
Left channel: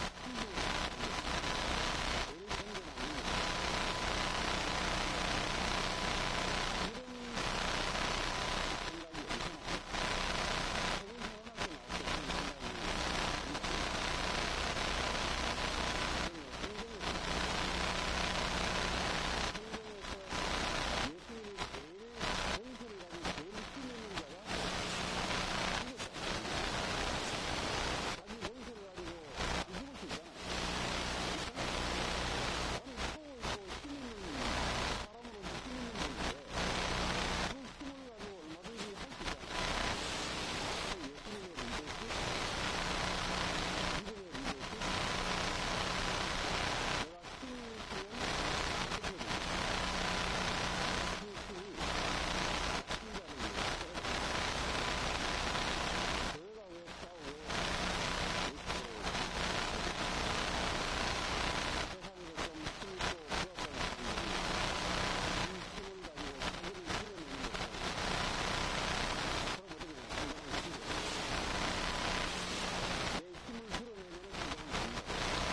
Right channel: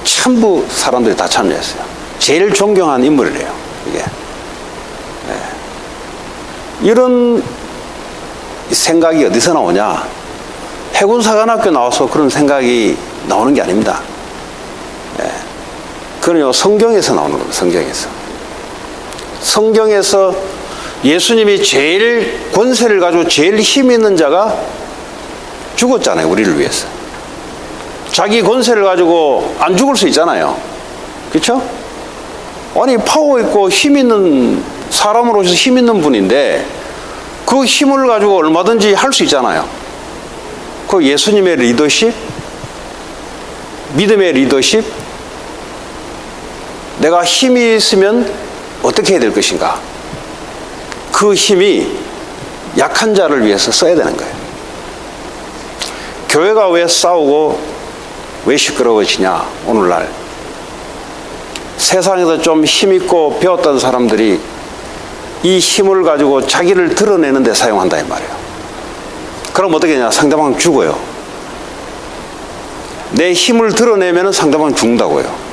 전부 사람들이 다 참여했어요. 제일 존경한 인물이래요, 이게. 이런 생각이 어디서 나오냐? 해군사관학교 나와서 그런 생각이 나오는 게 아닙니다. 그건요, 성경에서 나오는 겁니다. 성경에서 예수님이 제일 권세를 가지고 제일 힘 있는 자가 죽었잖아요, 우리를 위해서. 자기 권세를 가지고 안 죽을 수 있잖아요. 그렇죠? 아니, 파워 있고 힘 있는 사람으로서 힘 있는 분인데 그 힘을 가지고 얼마든지 할 수 있잖아요. 그 예수님의 리더십, 믿음의 리더십, 내가 힘이 있으면 어떻게 해야 될 것인가? 그 힘이 약한 자를 위해서 써야 되는 거예요. 교회가 왜 싸우고 왜 시끄러워지냐, 오늘날. 세상에서 좀 힘있고 배웠던 사람들이 이 힘을 가지고 자기를 드러내는 데 사용한다 이 말이에요. 그럼 어떻게 되냐? 상대방은 죽어요. 내 힘을 드러내면 상대방은 죽는다고요.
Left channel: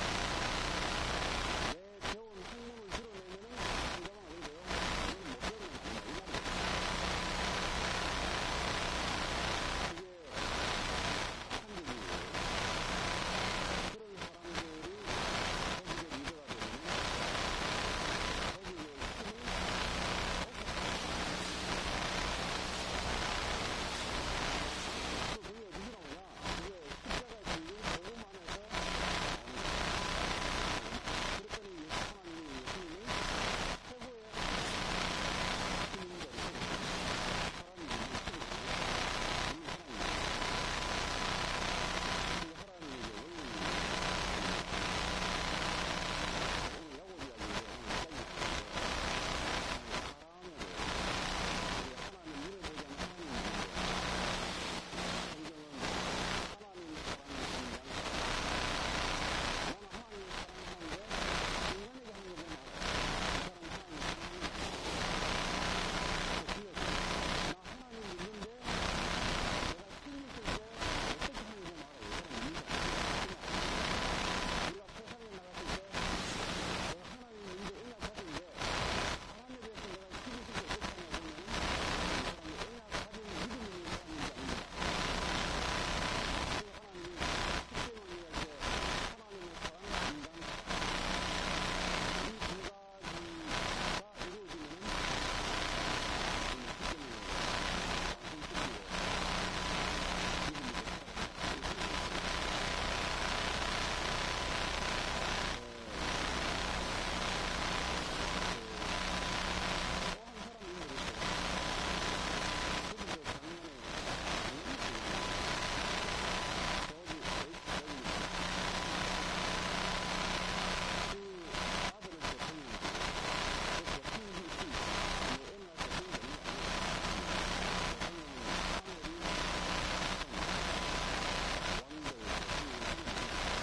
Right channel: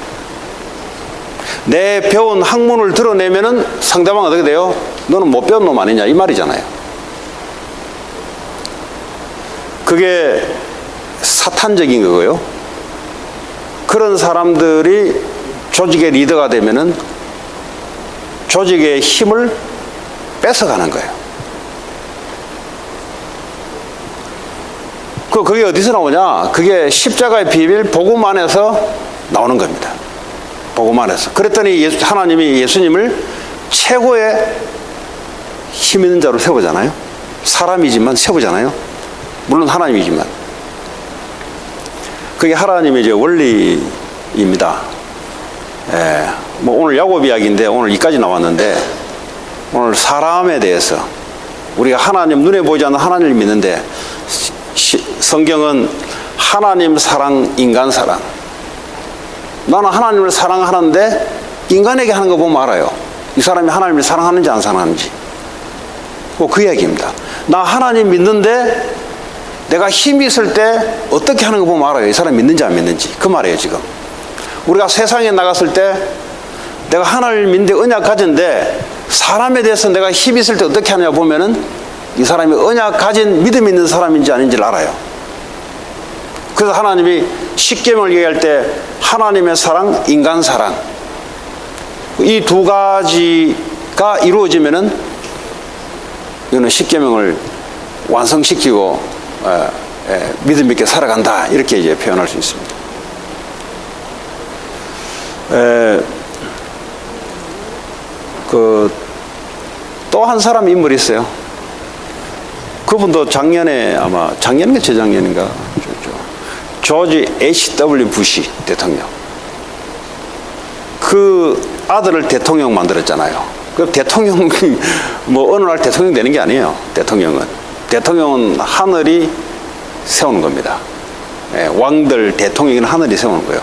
내 배운 학문을 드러내면은 상대방 어떻게 돼요? 너는 못 배운 놈 아니냐 이 말이잖아요. 그게 사탄적인 거고요. 그런 사람들이 조직의 리더가 되면은 조직의 힘을 뺏어가는 거예요. 그게 어디서 나오냐? 그게 십자가의 비밀 복음 안에서 나오는 겁니다. 복음 안에서. 그랬더니 하나님이 예수님을 최고의 힘 있는 자로 세우잖아요. 사람이지만 세우잖아요. 물론 하나님이지만. 그게 하나님의 이제 원리입니다. 뭐 오늘 야곱 이야기인데 오늘 이까지 나왔는데 오늘 사람에 대해서 우리가 하나님 눈에 보이지 않는 하나님을 믿는데 성경은 하나님 사랑, 인간 사랑. 나는 하나님을 사랑하는데 인간에게 하는 거 보면 알아요. 이 사람이 하나님을 사랑하는지 안 사랑하는지. 그 이야기입니다. 나 하나님 믿는데 내가 힘이 있을 때 어떻게 하는 거 보면 알아요. 이 사람 믿는지 안 믿는지. 그 말이에요 지금. 우리가 세상에 나갔을 때 내가 하나님을 믿는데 언약 가진데 사람에 대해서 내가 힘이 있을 때 어떻게 하냐 보면은 이 사람이 언약 가진 믿음 있는 사람인지 아닌지를 알아요. 그래서 하나님이 십계명을 얘기할 때 하나님의 사랑, 인간 사랑 이 두 가지가 이루어지면은 이거는 십계명을 완성시키고 믿음 있게 살아간다 이렇게 이제 표현할 수 있습니다. 또 한 사람 인물이 있어요. 그분도 작년에 아마 작년인가 재작년인가 조지 H.W. 부시 대통령. 그 아들을 대통령 만들었잖아요. 그 대통령 뭐 어느 날 대통령 되는 게 아니에요. 대통령은 하늘이 세우는 겁니다. 왕들 대통령은 하늘이 세우는 거예요.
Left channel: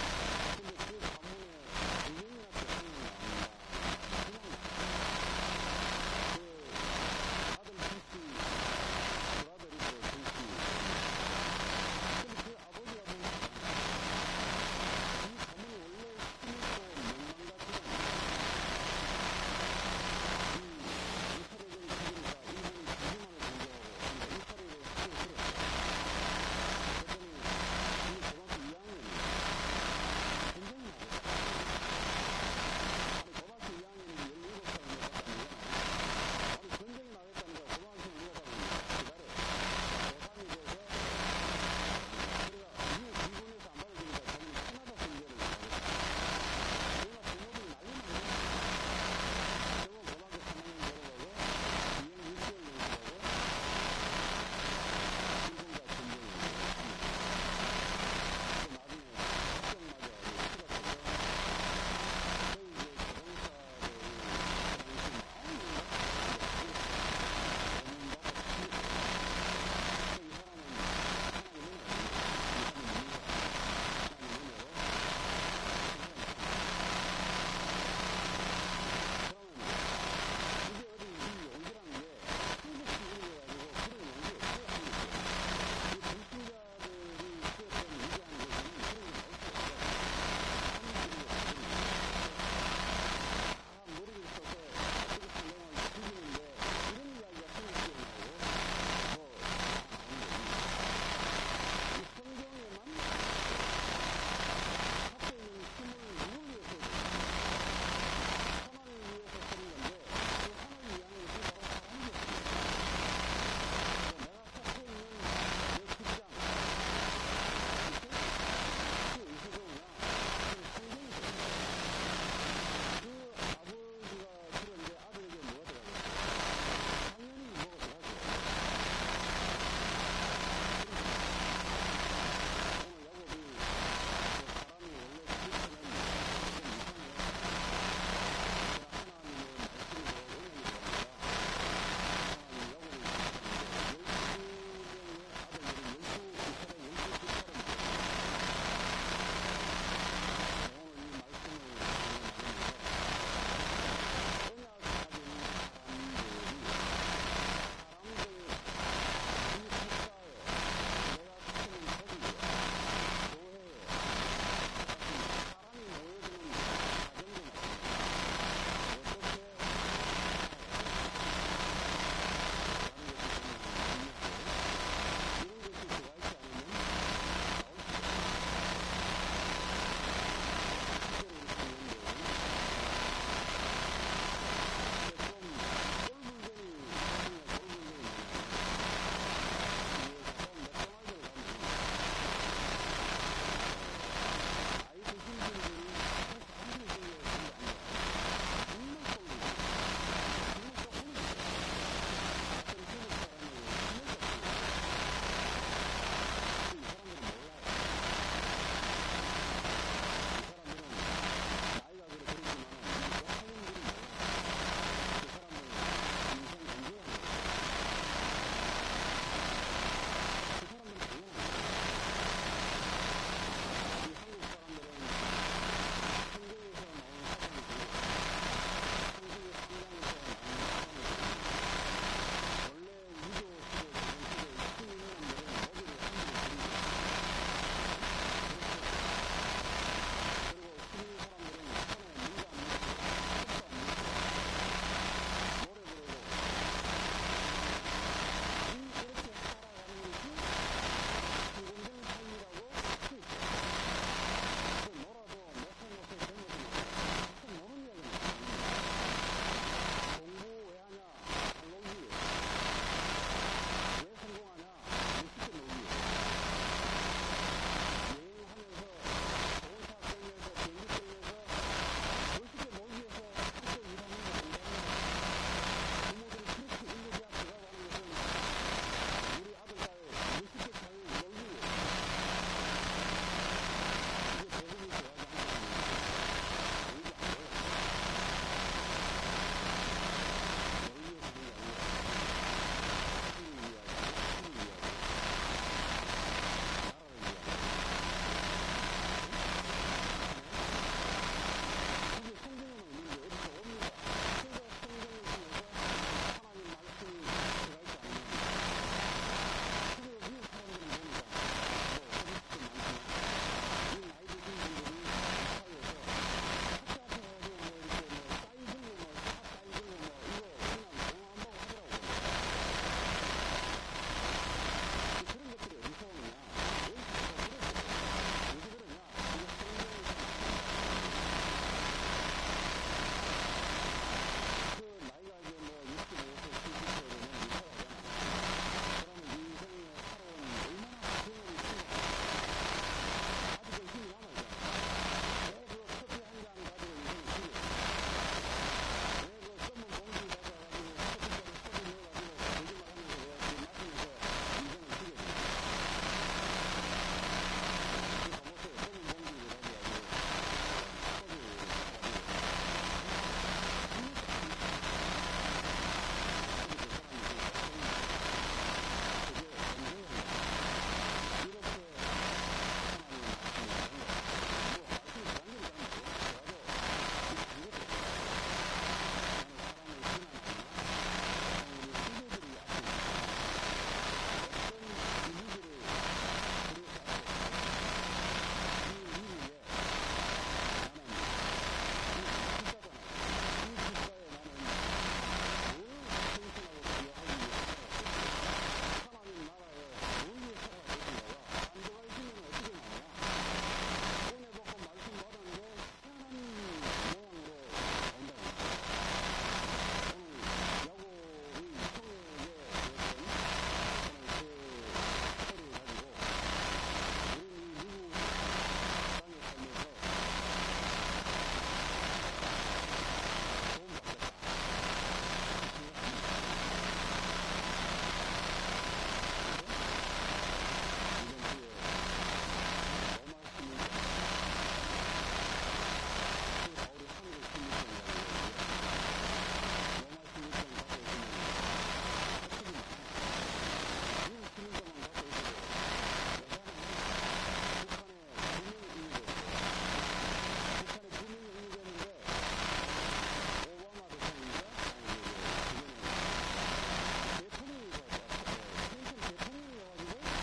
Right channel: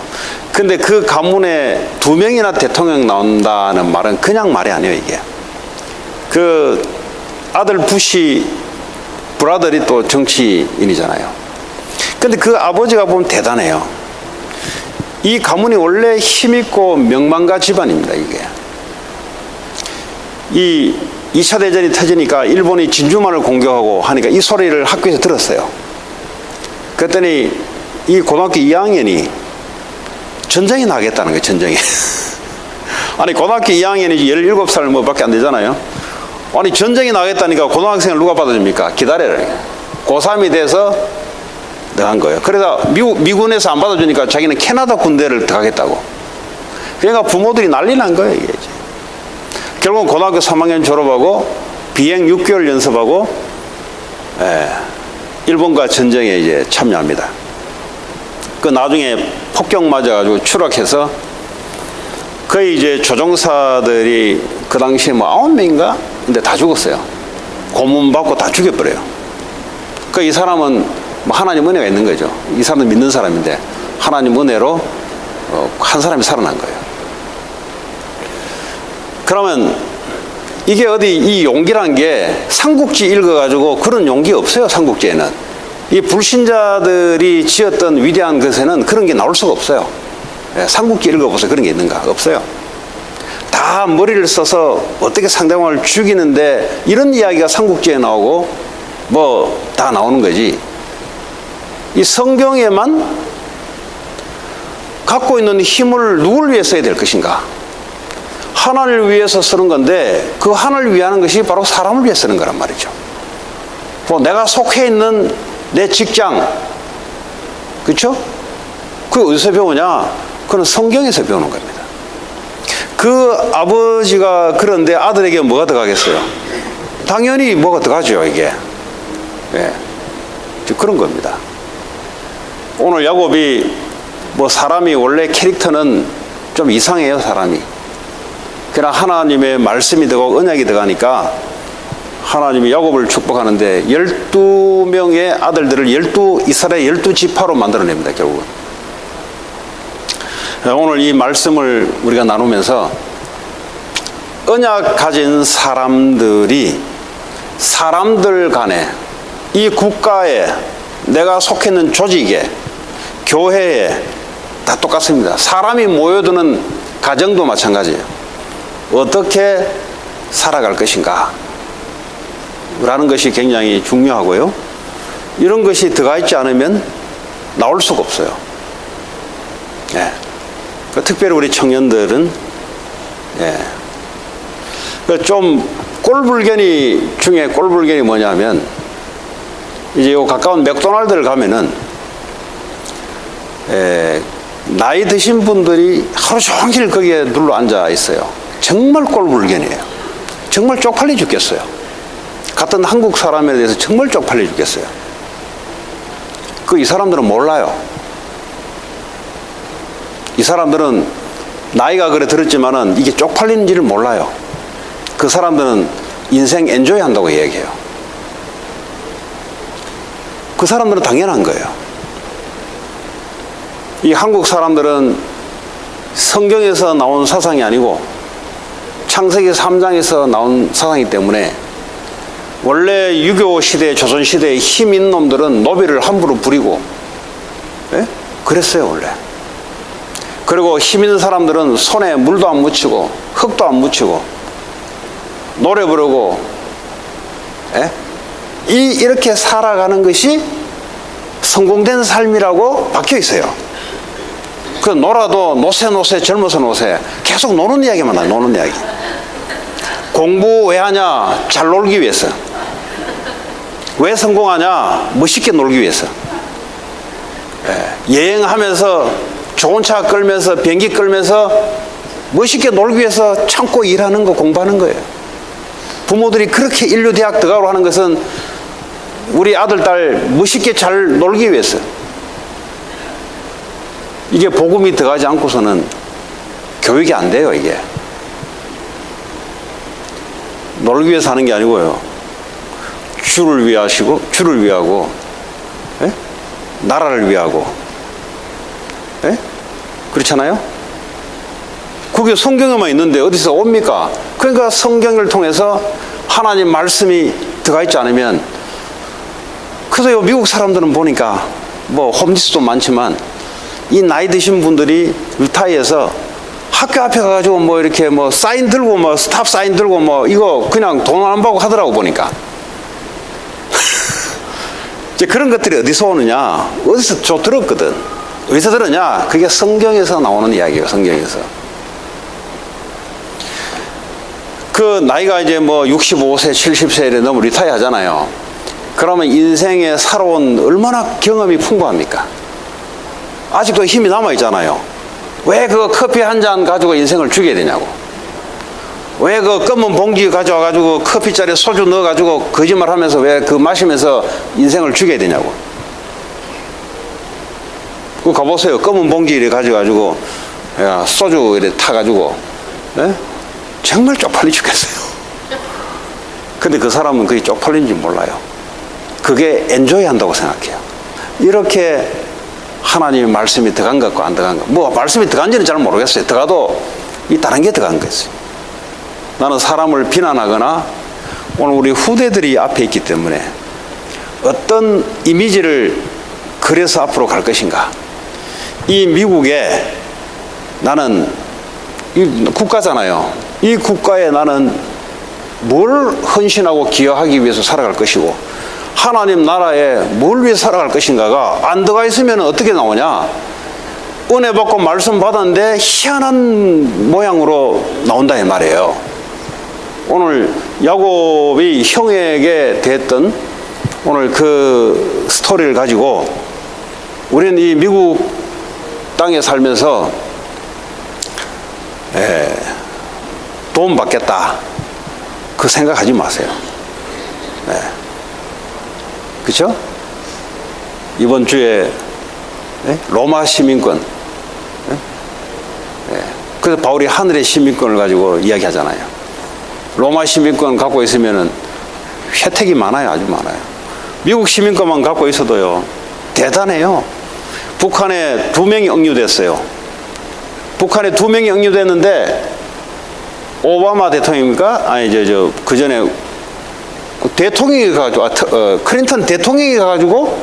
근데 그 가문에 2명이나 대통령 나온다는 말은 그냥 말이 아니에요. 이게 그 아들 부시 브라더리 또 정치인이잖아요. 근데 그 아버지가 보면 대단해요. 이 가문이 원래 힘있고 명망가 집안입니다. 이게 이 2차 대전이 터지니까 일본이 진주만을 공격하고 하니까 이 소리를 학교에서 들었어요. 그랬더니 이 고등학교 2학년이 전쟁이 나겠다는 거예요. 전쟁이. 아니 고등학교 2학년이 17살 뭐 밖에 안 되잖아요. 아니 전쟁이 나겠다니까 고등학생을 누가 받아줍니까? 기다려라. 고3이 돼서 나간 거예요. 그래서 미군에서 안 받아주니까 자기는 캐나다 군대를 들어가겠다고. 그러니까 부모들이 난리 난 거예요. 이게. 결국은 고등학교 3학년 졸업하고 비행 6개월 연습하고 일본과 전쟁에 이제 참여합니다. 그 나중에 폭격 맞아가지고 추락해서 거의 이제 조종사들이 그 당시에 뭐 9명인가? 근데 다 죽었어요. 고문 받고 다 죽여버려요. 그 이 사람은 뭐 하나님 은혜가 있는 거죠. 이 사람은 믿는 사람인데 하나님 은혜로 한 사람이 살아난 거예요. 그러면 이게 어디 이 용기란 게 삼국지 읽어가지고 그런 용기 없어요. 삼국지에는 이 불신자들이 지었던 위대한 것에는 그런 게 나올 수가 없어요. 삼국지 읽어보세요. 그런 게 있는가? 없어요. 다 머리를 써서 어떻게 상대방을 죽이는데 이런 이야기가 삼국지에 나오고 뭐 다 나오는 거지. 이 성경에만 갖고 있는 힘을 누구를 위해 써야 될 것인가? 하나님을 위해서 쓰는 건데 그 하나님을 위하는 것이 바로 사람을 위해 쓰는 거란 말이죠. 뭐 내가 속해 있는 내 직장, 그렇죠? 그게 어디서 배우냐? 그건 성경에서 배우는 겁니다. 그 아버지가 그런데 아들에게 뭐가 들어가겠어요? 당연히 뭐가 들어가죠, 이게. 그런 겁니다. 오늘 야곱이 뭐 사람이 원래 캐릭터는 좀 이상해요, 사람이. 그러나 하나님의 말씀이 들어가고 언약이 들어가니까 하나님이 야곱을 축복하는데 12명의 아들들을 이스라엘 12지파로 만들어냅니다, 결국은. 오늘 이 말씀을 우리가 나누면서 언약 가진 사람들이 사람들 간에 이 국가에 내가 속해 있는 조직에 교회에 다 똑같습니다. 사람이 모여드는 가정도 마찬가지예요. 어떻게 살아갈 것인가 라는 것이 굉장히 중요하고요. 이런 것이 들어가 있지 않으면 나올 수가 없어요. 예. 특별히 우리 청년들은 좀 꼴불견이 중에 꼴불견이 뭐냐면, 이제 요 가까운 맥도날드를 가면은 나이 드신 분들이 하루 종일 거기에 눌러 앉아 있어요. 정말 꼴불견이에요. 정말 쪽팔려 죽겠어요. 같은 한국 사람에 대해서 정말 쪽팔려 죽겠어요. 이 사람들은 몰라요. 이 사람들은 나이가 그래 들었지만은 이게 쪽팔리는지를 몰라요. 그 사람들은 인생 엔조이 한다고 얘기해요. 그 사람들은 당연한 거예요. 이 한국 사람들은 성경에서 나온 사상이 아니고 창세기 3장에서 나온 사상이기 때문에, 원래 유교 시대, 조선 시대의 힘 있는 놈들은 노비를 함부로 부리고, 그랬어요 원래. 그리고 힘 있는 사람들은 손에 물도 안 묻히고 흙도 안 묻히고 노래 부르고, 이렇게 살아가는 것이 성공된 삶이라고 박혀 있어요. 그 놀아도 노세 젊어서 노세, 계속 노는 이야기만 해요. 노는 이야기. 공부 왜 하냐? 잘 놀기 위해서. 왜 성공하냐? 멋있게 놀기 위해서. 여행하면서 좋은 차 끌면서 비행기 끌면서 멋있게 놀기 위해서 참고 일하는 거, 공부하는 거예요. 부모들이 그렇게 인류대학 들어가고 하는 것은 우리 아들, 딸 멋있게 잘 놀기 위해서. 이게 복음이 들어가지 않고서는 교육이 안 돼요. 이게 놀기 위해서 하는 게 아니고요. 주를 위하고, 나라를 위하고, 그렇잖아요? 그게 성경에만 있는데 어디서 옵니까? 그러니까 성경을 통해서 하나님 말씀이 들어가 있지 않으면, 그래서 미국 사람들은 보니까 뭐 홈리스도 많지만 이 나이 드신 분들이 리타이어서 학교 앞에 가가지고 뭐 이렇게 뭐 사인 들고 뭐 스탑 사인 들고 뭐 이거 그냥 돈 안 받고 하더라고 보니까. 이제 그런 것들이 어디서 오느냐? 어디서 저 들었거든. 어디서 들었냐? 그게 성경에서 나오는 이야기예요. 성경에서. 그 나이가 이제 뭐 65세, 70세에 넘어 리타이어 하잖아요. 그러면 인생에 살아온 얼마나 경험이 풍부합니까? 아직도 힘이 남아있잖아요. 왜 그 커피 한 잔 가지고 인생을 죽여야 되냐고. 왜 그 검은 봉지 가져와가지고 커피잔에 소주 넣어가지고 거짓말 하면서 왜 그 마시면서 인생을 죽여야 되냐고. 그거 가보세요. 검은 봉지 이렇게 가져가지고 소주 이렇게 타가지고, 정말 쪽팔리 죽겠어요. 근데 그 사람은 그게 쪽팔린지 몰라요. 그게 엔조이 한다고 생각해요. 이렇게 하나님의 말씀이 들어간 것 같고 안 들어간 것, 뭐 말씀이 들어간지는 잘 모르겠어요. 들어가도 이 다른 게 들어간 거지. 나는 사람을 비난하거나 오늘 우리 후대들이 앞에 있기 때문에 어떤 이미지를 그려서 앞으로 갈 것인가. 이 미국에 나는 이 국가잖아요. 이 국가에 나는 뭘 헌신하고 기여하기 위해서 살아갈 것이고 하나님 나라에 뭘 위해 살아갈 것인가가 안 들어가 있으면 어떻게 나오냐. 은혜 받고 말씀 받았는데 희한한 모양으로 나온다 이 말이에요. 오늘 야곱이 형에게 대했던 오늘 그 스토리를 가지고 우리는 이 미국 땅에 살면서 도움 받겠다 그 생각하지 마세요. 그렇죠? 이번 주에 로마 시민권, 그래서 바울이 하늘의 시민권을 가지고 이야기하잖아요. 로마 시민권 갖고 있으면은 혜택이 많아요. 아주 많아요. 미국 시민권만 갖고 있어도요 대단해요. 북한에 2명이 억류됐어요. 북한에 2명이 억류됐는데 오바마 대통령입니까? 아니 그 전에 대통령이 가가지고 클린턴 대통령이 가가지고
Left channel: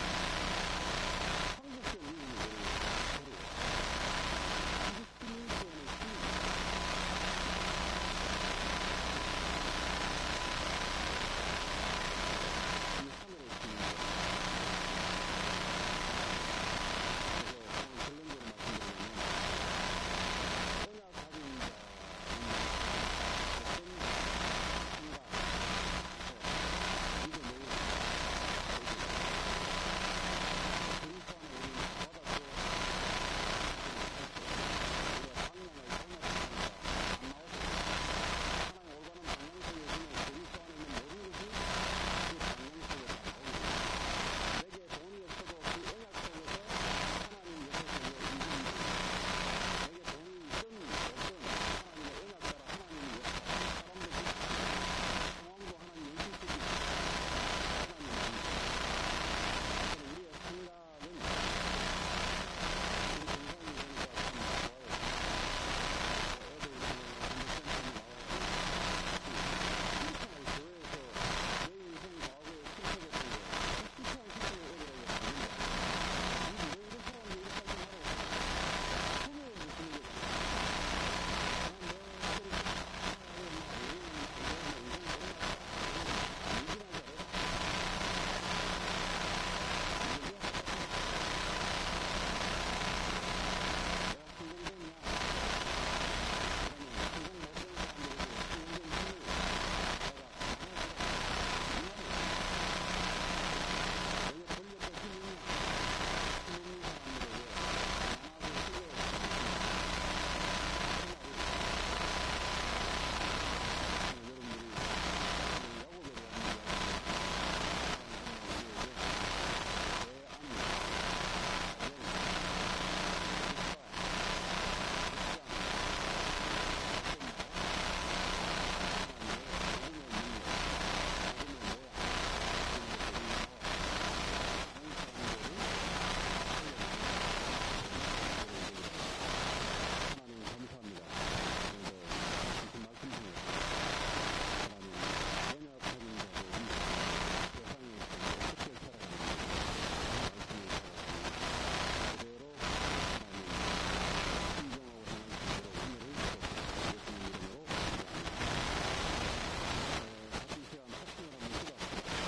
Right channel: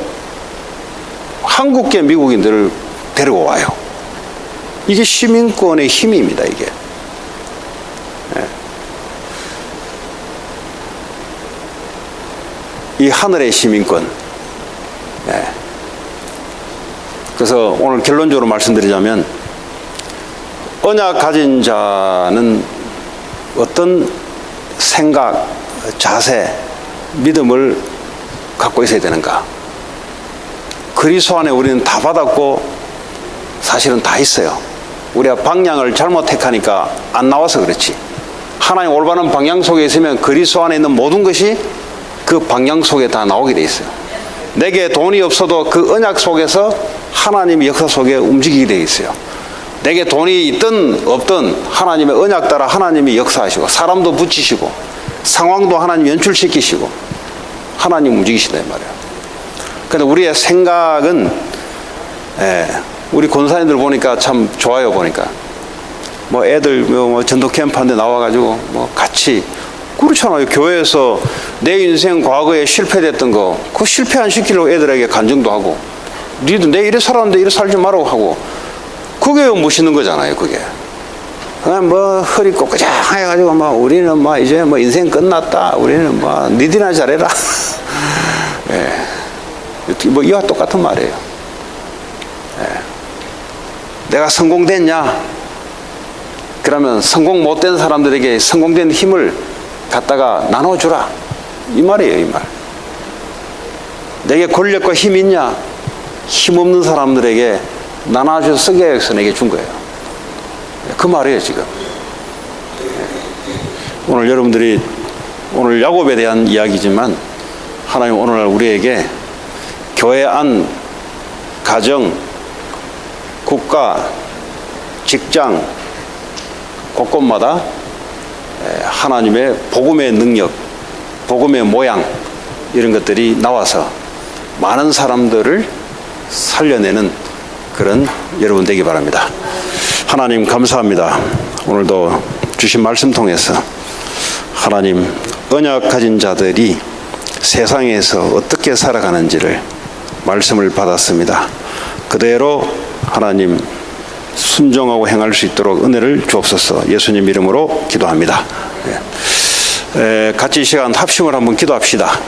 한국계 미국인들을 데리고 와요. 이게 시민권의 힘입니다. 이게. 이 하늘의 시민권. 그래서 오늘 결론적으로 말씀드리자면 언약 가진 자는 어떤 생각, 자세, 믿음을 갖고 있어야 되는가? 그리스도 안에 우리는 다 받았고 사실은 다 있어요. 우리가 방향을 잘못 택하니까 안 나와서 그렇지. 하나님 올바른 방향 속에 있으면 그리스도 안에 있는 모든 것이 그 방향 속에 다 나오게 돼 있어요. 내게 돈이 없어도 그 언약 속에서 하나님의 역사 속에 움직이게 돼 있어요. 내게 돈이 있든 없든 하나님의 언약 따라 하나님이 역사하시고 사람도 붙이시고 상황도 하나님 연출시키시고 하나님 움직이시다 이 말이에요. 그런데 우리의 생각은 우리 권사님들 보니까 참 좋아요. 보니까 뭐 애들 뭐 전도 캠프한테 나와가지고 뭐 같이 그렇잖아요. 교회에서 내 인생 과거에 실패됐던 거 그 실패 안 시키려고 애들에게 간증도 하고 니도 내 이래 살았는데 이래 살지 말라고 하고 그게 멋있는 거잖아요. 그게 그냥 뭐 허리 꼿꼿이 해가지고 막 우리는 막 이제 뭐 인생 끝났다. 우리는 뭐 니들이나 잘해라. 뭐 이와 똑같은 말이에요. 내가 성공됐냐? 그러면 성공 못된 사람들에게 성공된 힘을 갖다가 나눠주라. 이 말이에요, 이 말. 내게 권력과 힘이 있냐? 힘없는 사람들에게 나눠줘서 쓰게 해서 내게 준 거예요. 그 말이에요, 지금. 오늘 여러분들이 오늘 야곱에 대한 이야기지만 하나님 오늘날 우리에게 교회 안, 가정, 국가, 직장 곳곳마다 하나님의 복음의 능력, 복음의 모양 이런 것들이 나와서 많은 사람들을 살려내는 그런 여러분 되기 바랍니다. 하나님 감사합니다. 오늘도 주신 말씀 통해서 하나님 언약 가진 자들이 세상에서 어떻게 살아가는지를 말씀을 받았습니다. 그대로 하나님 순종하고 행할 수 있도록 은혜를 주옵소서. 예수님 이름으로 기도합니다. 같이 이 시간 합심을 한번 기도합시다.